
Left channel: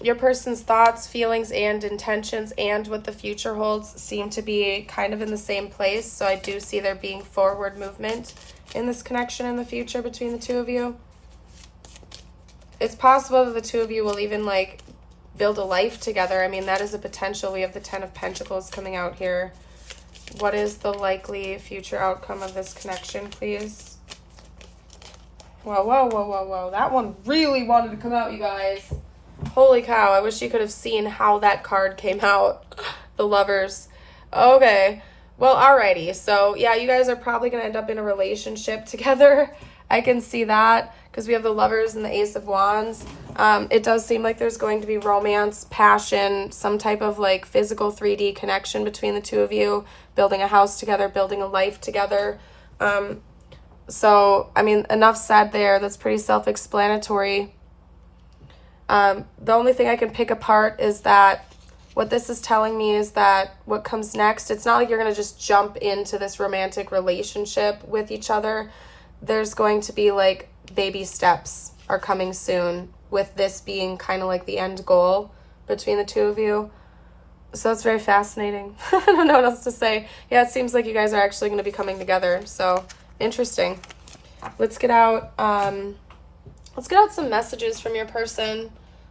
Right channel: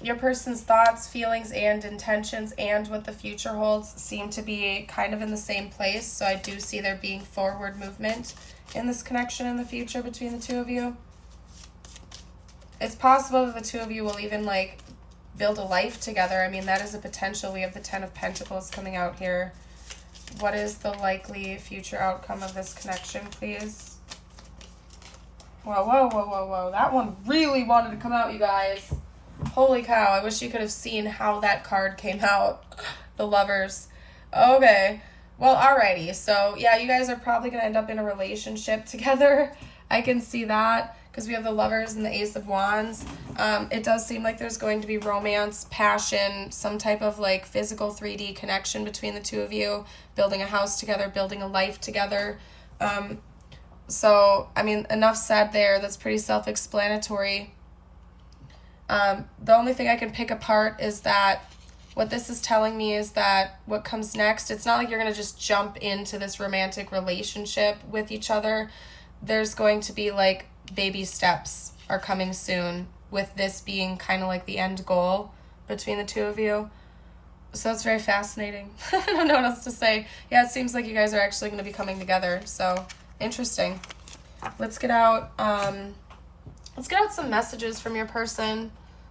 your person's thoughts, feelings, and intentions and what the future holds seem to be kind of in the same place. So I do see there being forward movement in this connection in the future between the two of you. It's possible that the two of you will even like build a life together. I mean, that is a potential. We have the 10 of Pentacles coming out here. What is the likely future outcome of this connection, please? Whoa, whoa, whoa, whoa, whoa. That one really wanted to come out, you guys. Holy cow. I wish you could have seen how that card came out. The Lovers. Okay. Well, alrighty. So, yeah, you guys are probably going to end up in a relationship together. I can see that because we have the Lovers and the Ace of Wands. It does seem like there's going to be romance, passion, some type of like physical 3D connection between the two of you, building a house together, building a life together. So, I mean, enough said there. That's pretty self-explanatory. The only thing I can pick apart is that what this is telling me is that what comes next, it's not like you're going to just jump into this romantic relationship with each other. There's going to be like baby steps are coming soon, with this being kind of like the end goal between the two of you. So it's very fascinating. I don't know what else to say. Yeah, it seems like you guys are actually going to be coming together. So interesting. Let's get out some messages from your person.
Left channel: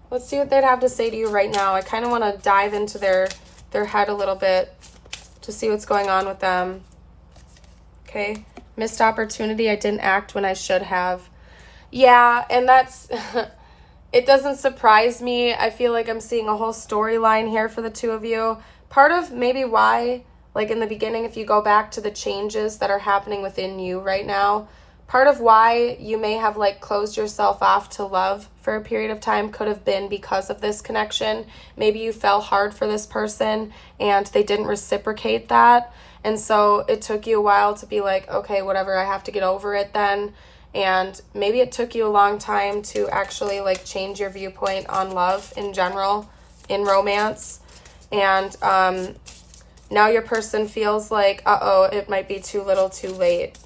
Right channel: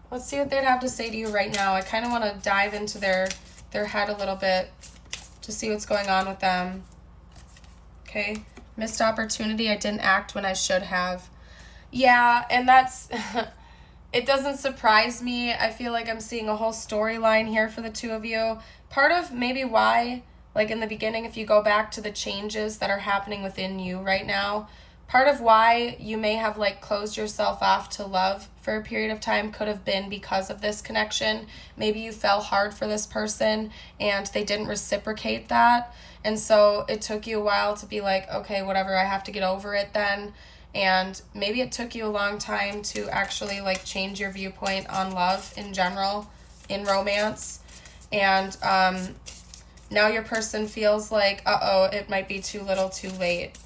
Let's see what they'd have to say to you right now. I kind of want to dive into their head a little bit to see what's going on with them. Okay. Missed opportunity. I didn't act when I should have. Yeah, and that's it doesn't surprise me. I feel like I'm seeing a whole storyline here for the two of you. Part of maybe why, like in the beginning, if you go back to the changes that are happening within you right now, part of why you may have like closed yourself off to love for a period of time could have been because of this connection. Maybe you fell hard for this person and they didn't reciprocate that. And so it took you a while to be like, okay, whatever, I have to get over it then. And maybe it took you a long time to actually like change your viewpoint on love in general, in romance. And now your person feels like, uh-oh, it might be too little too late.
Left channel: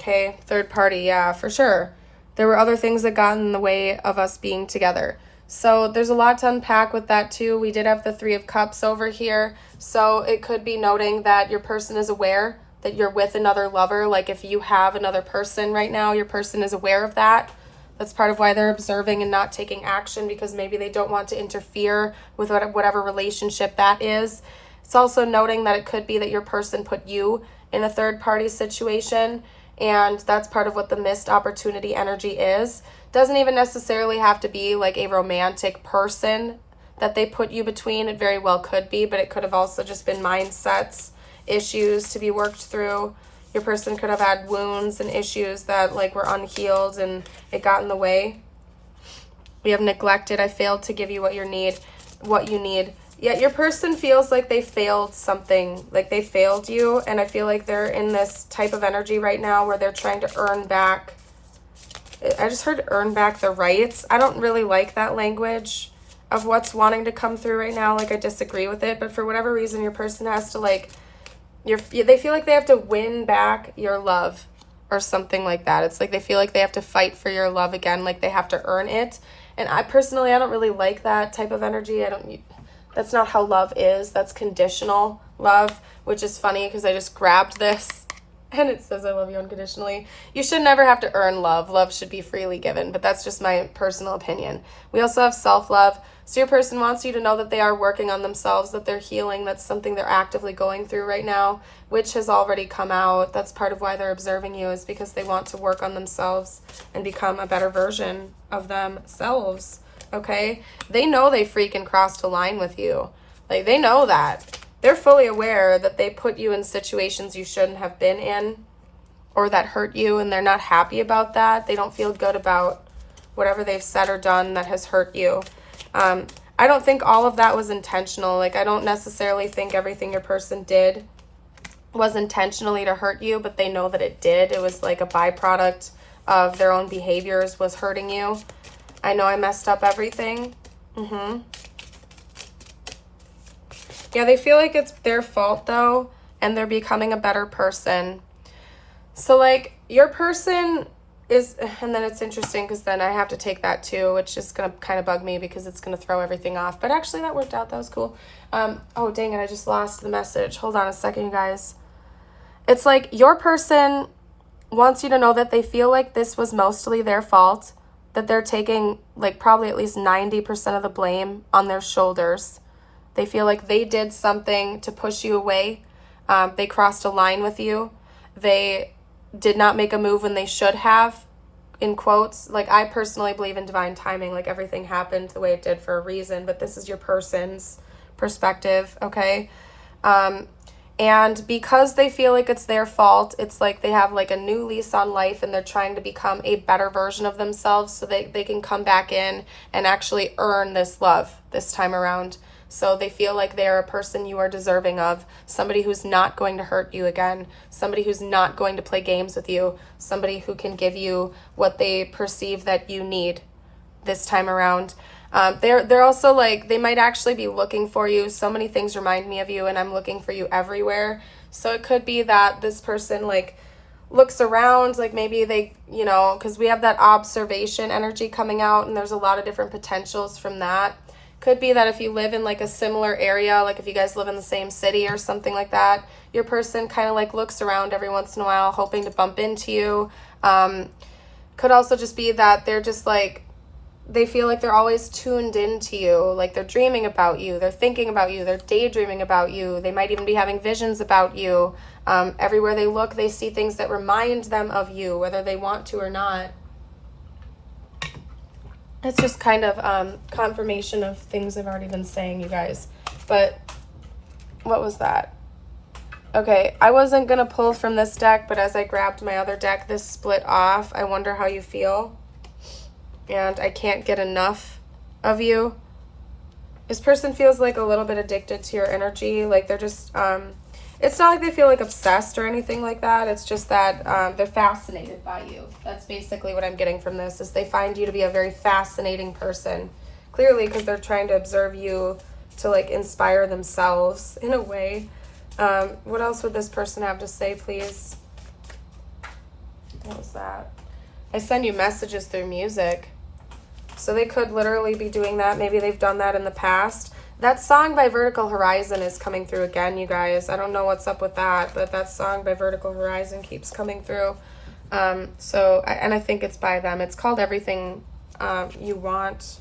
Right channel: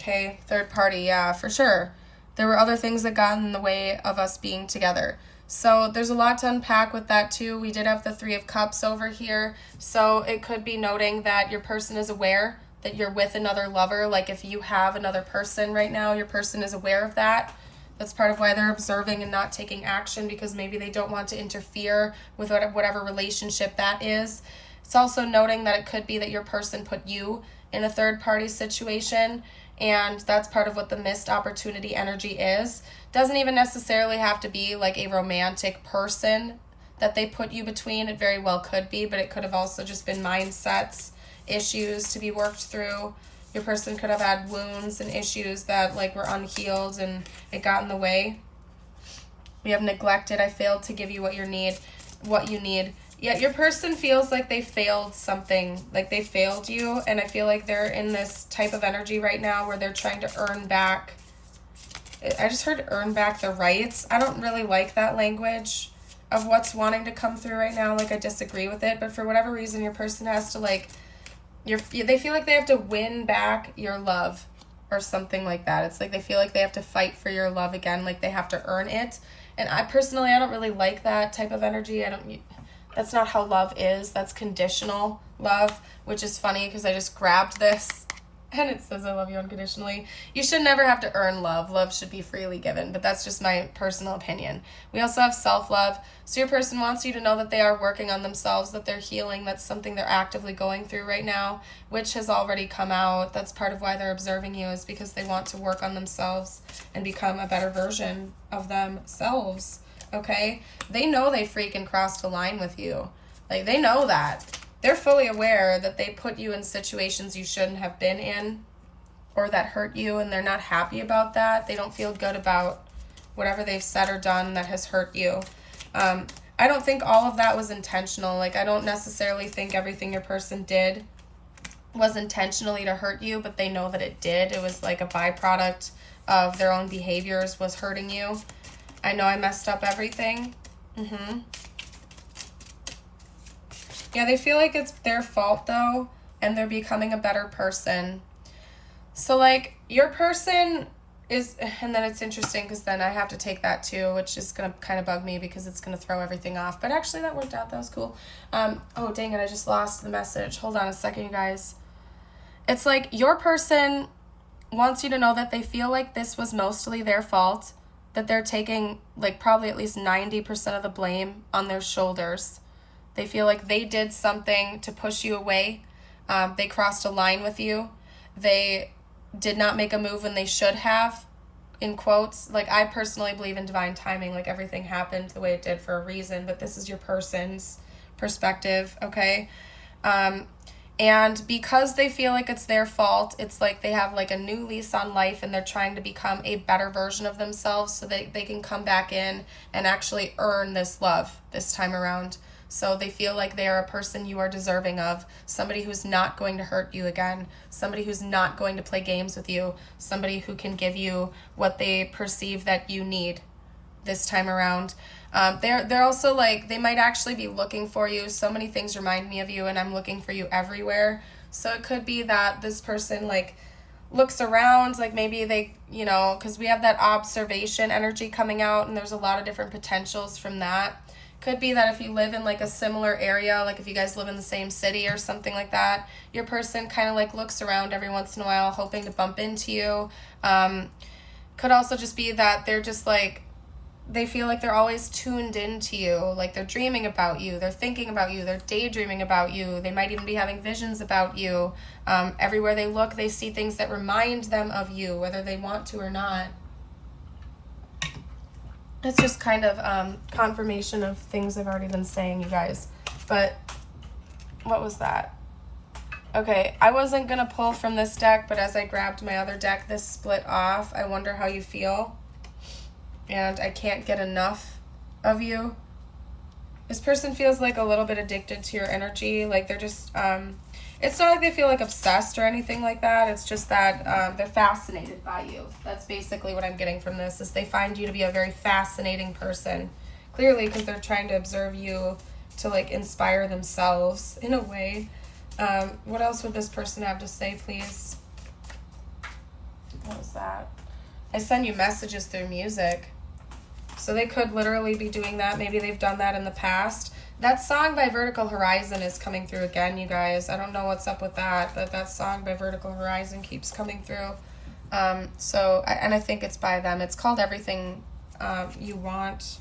Okay, third party, yeah, for sure. There were other things that got in the way of us being together. So there's a lot to unpack with that too. We did have the 3 of Cups over here. So it could be noting that your person is aware that you're with another lover. Like if you have another person right now, your person is aware of that. That's part of why they're observing and not taking action, because maybe they don't want to interfere with whatever relationship that is. It's also noting that it could be that your person put you in a third party situation, and that's part of what the missed opportunity energy is. Doesn't even necessarily have to be like a romantic person that they put you between. It very well could be, but it could have also just been mindsets, issues to be worked through. Your person could have had wounds and issues that like were unhealed and it got in the way. We have neglected. I failed to give you what you need. Yet your person feels like they failed something, like they failed you. And I feel like they're in this type of energy right now where they're trying to earn back. I just heard earn back the rights. I don't really like that language of what's wanting to come through right now. Like I disagree with it, but for whatever reason, your person has to like, they feel like they have to win back your love. or something like that. It's like they feel like they have to fight for your love again, like they have to earn it. And I personally, I don't really like that type of energy. That's not how love is. That's conditional love, which is funny because I just grabbed this and it says I love you unconditionally. You should never have to earn love. Love should be freely given, but that's just my personal opinion. We also have self-love. So your person wants you to know that they are working on themselves, that they're healing. That's something they're actively going through right now, which has already come out. That's part of why they're observing you, is because they want to work on themselves and become a better version of themselves, okay? They know they freaking crossed a line with you. Like, they know that. They're fully aware that they put you in situations you shouldn't have been in or that hurt you, and they're not happy about that. They don't feel good about whatever they've said or done that has hurt you. I don't think all of that was intentional. Like, I don't necessarily think everything your person did was intentionally to hurt you, but they know that it did. It was like a byproduct of their own behaviors was hurting you. I know I messed up everything. Yeah, they feel like it's their fault though, and they're becoming a better person. So like your person is, and then it's interesting because then I have to take that too, which is going to kind of bug me because it's going to throw everything off. But actually that worked out. That was cool. Oh, dang it. I just lost the message. Hold on a second, you guys. It's like your person wants you to know that they feel like this was mostly their fault, that they're taking like probably at least 90% of the blame on their shoulders. They feel like they did something to push you away. They crossed a line with you. They did not make a move when they should have, in quotes. Like, I personally believe in divine timing. Like, everything happened the way it did for a reason, but this is your person's perspective, okay? And because they feel like it's their fault, it's like they have like a new lease on life and they're trying to become a better version of themselves so that they can come back in and actually earn this love this time around. So they feel like they're a person you are deserving of, somebody who's not going to hurt you again, somebody who's not going to play games with you, somebody who can give you what they perceive that you need this time around. They're also like, they might actually be looking for you. So many things remind me of you, and I'm looking for you everywhere. So it could be that this person like looks around, like maybe they, you know, because we have that observation energy coming out, and there's a lot of different potentials from that. Could be that if you live in like a similar area, like if you guys live in the same city or something like that, your person kind of like looks around every once in a while hoping to bump into you. Could also just be that they're just like, they feel like they're always tuned into you, like they're dreaming about you, they're thinking about you, they're daydreaming about you, they might even be having visions about you. Everywhere they look, they see things that remind them of you, whether they want to or not. It's just kind of confirmation of things I've already been saying, you guys. But what was that? Okay, I wasn't going to pull from this deck, but as I grabbed my other deck, this split off. I wonder how you feel. And I can't get enough of you. This person feels like a little bit addicted to your energy. Like they're just, it's not like they feel like obsessed or anything like that. It's just that they're fascinated by you. That's basically what I'm getting from this, is they find you to be a very fascinating person. Clearly, because they're trying to observe you to like inspire themselves in a way. What else would this person have to say, please? What was that? I send you messages through music. So they could literally be doing that. Maybe they've done that in the past. That song by Vertical Horizon is coming through again, you guys. I don't know what's up with that, but that song by Vertical Horizon keeps coming through. And I think it's by them. It's called Everything You Want.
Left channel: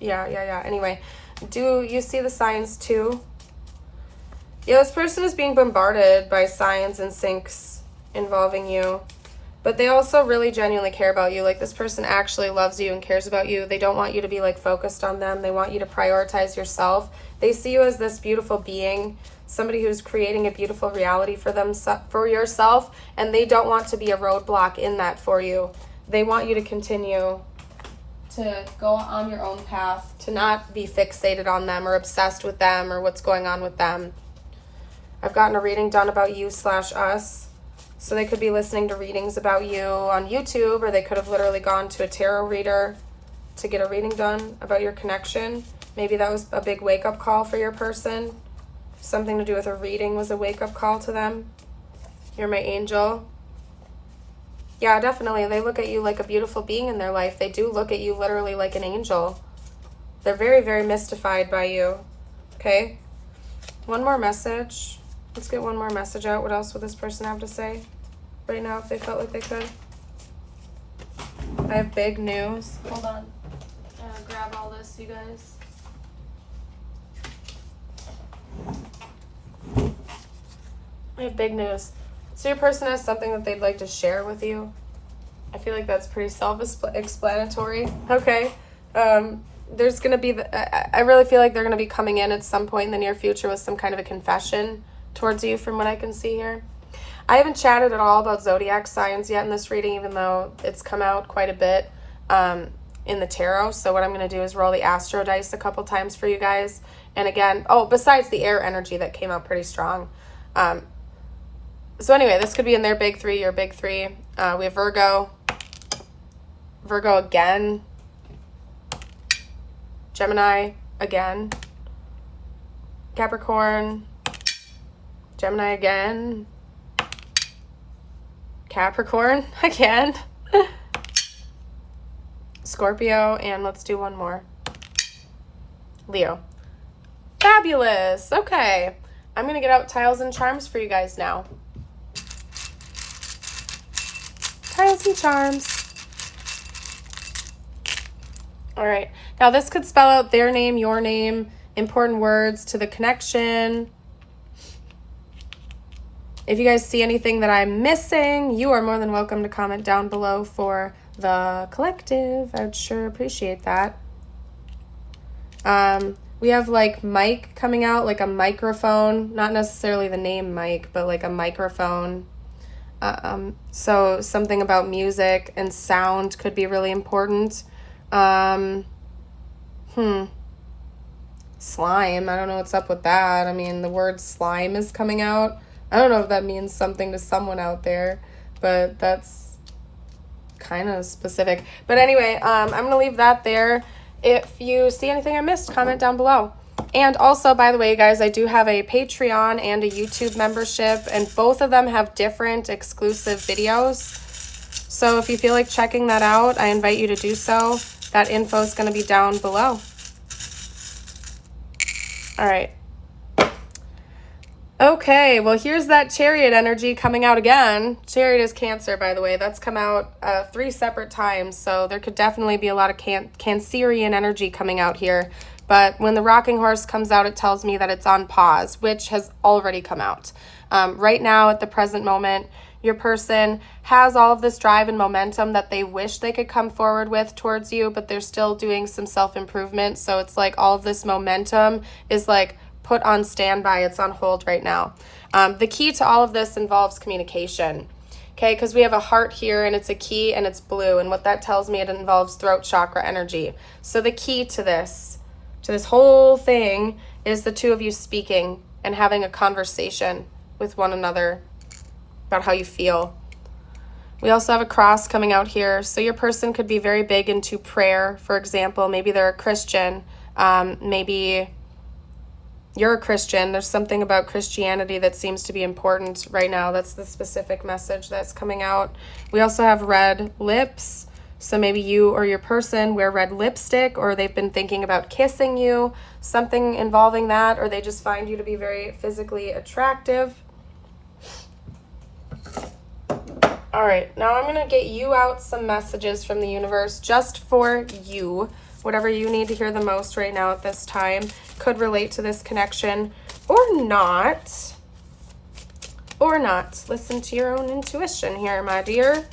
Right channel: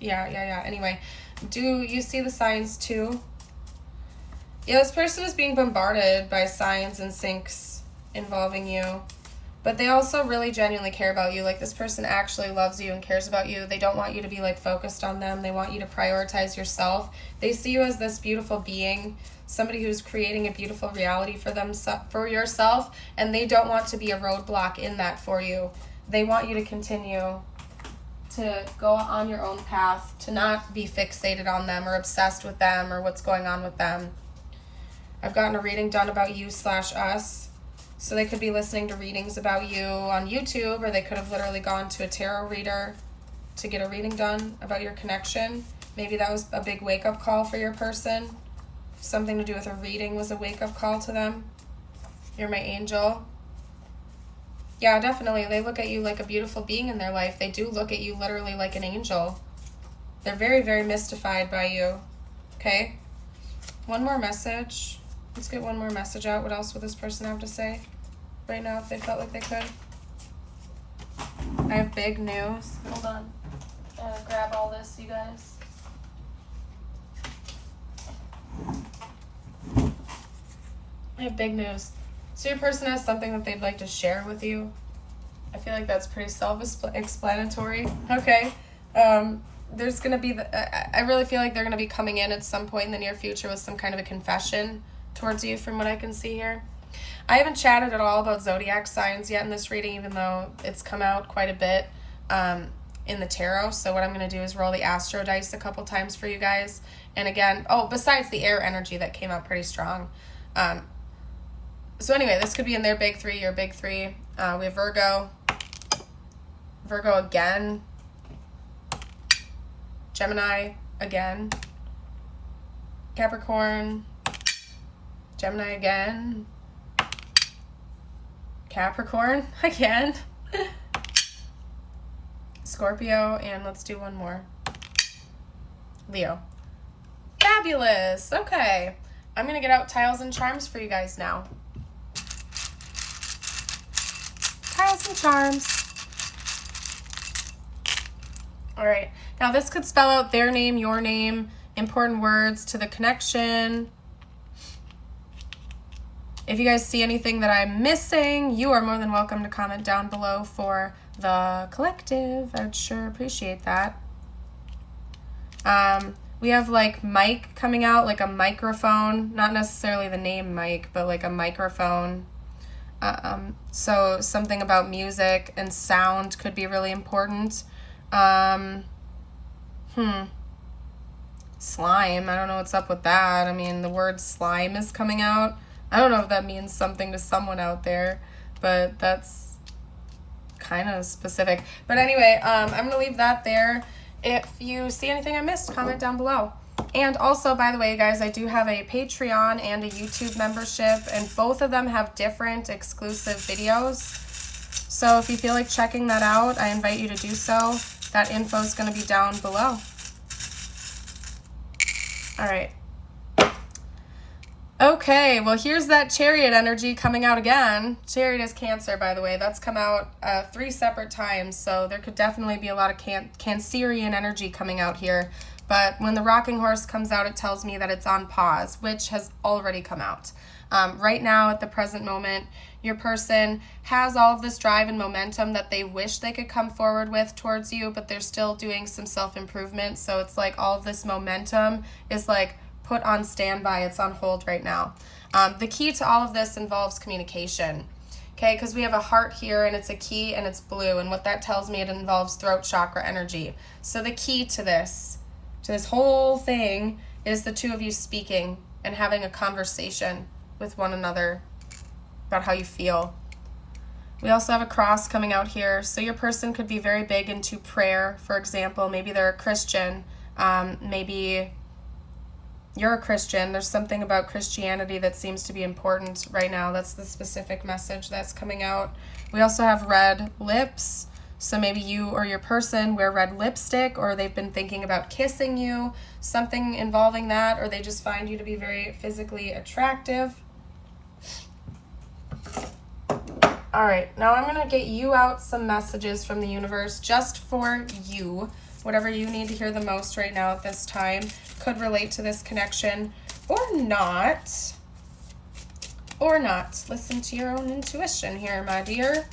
Yeah. Anyway, do you see the signs too? Yeah, this person is being bombarded by signs and syncs involving you. But they also really genuinely care about you. Like, this person actually loves you and cares about you. They don't want you to be like focused on them. They want you to prioritize yourself. They see you as this beautiful being, somebody who's creating a beautiful reality for them, for yourself, and they don't want to be a roadblock in that for you. They want you to continue to go on your own path, to not be fixated on them or obsessed with them or what's going on with them. I've gotten a reading done about you/us. So they could be listening to readings about you on YouTube, or they could have literally gone to a tarot reader to get a reading done about your connection. Maybe that was a big wake-up call for your person. Something to do with a reading was a wake-up call to them. You're my angel. Yeah, definitely. They look at you like a beautiful being in their life. They do look at you literally like an angel. They're very, very mystified by you. Okay? One more message. Let's get one more message out. What else would this person have to say right now if they felt like they could? I have big news. Hold on. Grab all this, you guys. I have big news. So your person has something that they'd like to share with you. I feel like that's pretty self-explanatory. Okay. There's going to be, I really feel like they're going to be coming in at some point in the near future with some kind of a confession towards you from what I can see here. I haven't chatted at all about zodiac signs yet in this reading, even though it's come out quite a bit in the tarot. So what I'm going to do is roll the astro dice a couple times for you guys. And again, besides the air energy that came out pretty strong. So anyway, this could be in their big three, your big three. We have Virgo again, Gemini again, Capricorn, Gemini again, Capricorn again, Scorpio, and let's do one more, Leo. Fabulous. Okay, I'm going to get out tiles and charms for you guys now. Tiles and charms. All right. Now this could spell out their name, your name, important words to the connection. If you guys see anything that I'm missing, you are more than welcome to comment down below for the collective. I'd sure appreciate that. We have like mic coming out, like a microphone, not necessarily the name mic, but like a microphone. So something about music and sound could be really important. Slime, I don't know what's up with that. I mean, the word slime is coming out. I don't know if that means something to someone out there, but that's kind of specific. But anyway, I'm going to leave that there. If you see anything I missed, comment down below. And also, by the way, guys, I do have a Patreon and a YouTube membership, and both of them have different exclusive videos. So if you feel like checking that out, I invite you to do so. That info is going to be down below. All right. Okay, well, here's that Chariot energy coming out again. Chariot is Cancer, by the way. That's come out 3 separate times, so there could definitely be a lot of Cancerian energy coming out here. But when the rocking horse comes out, it tells me that it's on pause, which has already come out. Right now, at the present moment, your person has all of this drive and momentum that they wish they could come forward with towards you, but they're still doing some self-improvement. So it's like all of this momentum is like put on standby. It's on hold right now. The key to all of this involves communication. Okay, because we have a heart here and it's a key and it's blue. And what that tells me, it involves throat chakra energy. So the key to this whole thing is the two of you speaking and having a conversation with one another about how you feel. We also have a cross coming out here. So your person could be very big into prayer, for example. Maybe they're a Christian. Maybe you're a Christian. There's something about Christianity that seems to be important right now. That's the specific message that's coming out. We also have red lips. So maybe you or your person wear red lipstick, or they've been thinking about kissing you, something involving that, or they just find you to be very physically attractive. All right, now I'm going to get you out some messages from the universe just for you. Whatever you need to hear the most right now at this time could relate to this connection or not. Or not. Listen to your own intuition here, my dear.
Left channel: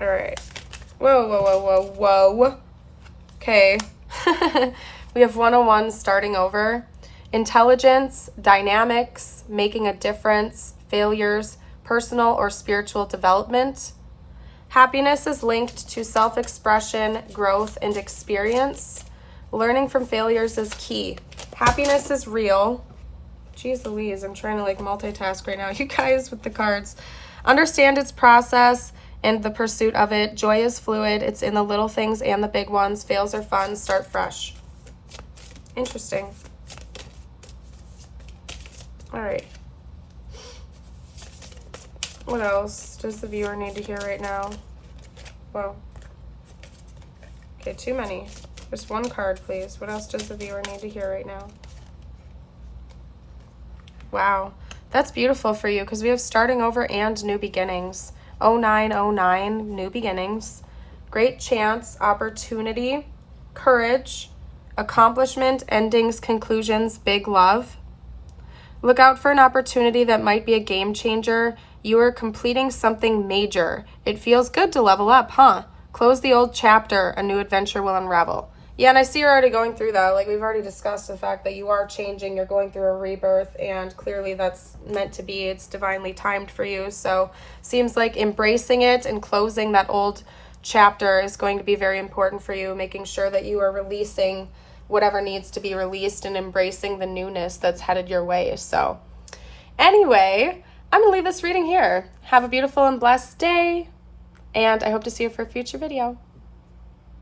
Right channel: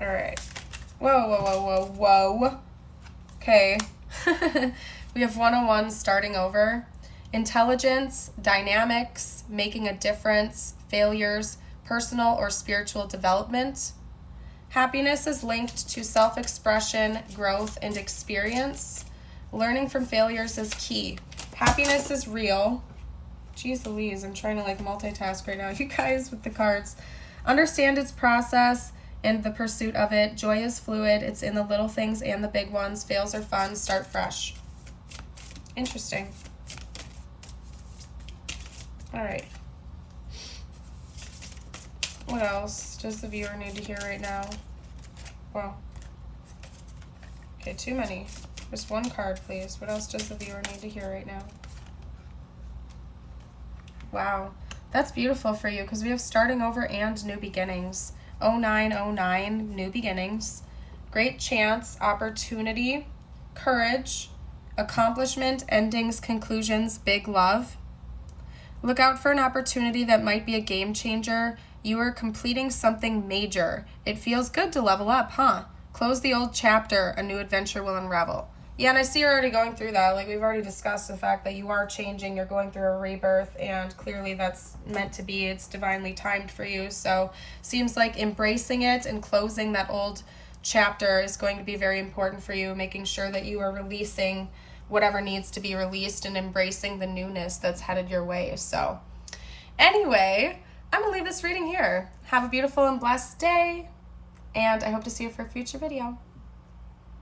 All right. Whoa, whoa, whoa, whoa, whoa. Okay. We have 101 starting over. Intelligence, dynamics, making a difference, failures, personal or spiritual development. Happiness is linked to self-expression, growth, and experience. Learning from failures is key. Happiness is real. Jeez Louise, I'm trying to like multitask right now, you guys, with the cards. Understand its process and the pursuit of it. Joy is fluid. It's in the little things and the big ones. Fails are fun. Start fresh. Interesting. All right. What else does the viewer need to hear right now? Well, okay, too many. Just one card, please. What else does the viewer need to hear right now? Wow, that's beautiful for you because we have starting over and new beginnings. 0909, new beginnings. Great chance, opportunity, courage, accomplishment, endings, conclusions, big love. Look out for an opportunity that might be a game changer. You are completing something major. It feels good to level up, huh? Close the old chapter. A new adventure will unravel. Yeah, and I see you're already going through that. Like, we've already discussed the fact that you are changing. You're going through a rebirth, and clearly that's meant to be. It's divinely timed for you. So seems like embracing it and closing that old chapter is going to be very important for you, making sure that you are releasing whatever needs to be released and embracing the newness that's headed your way. So anyway, I'm going to leave this reading here. Have a beautiful and blessed day, and I hope to see you for a future video.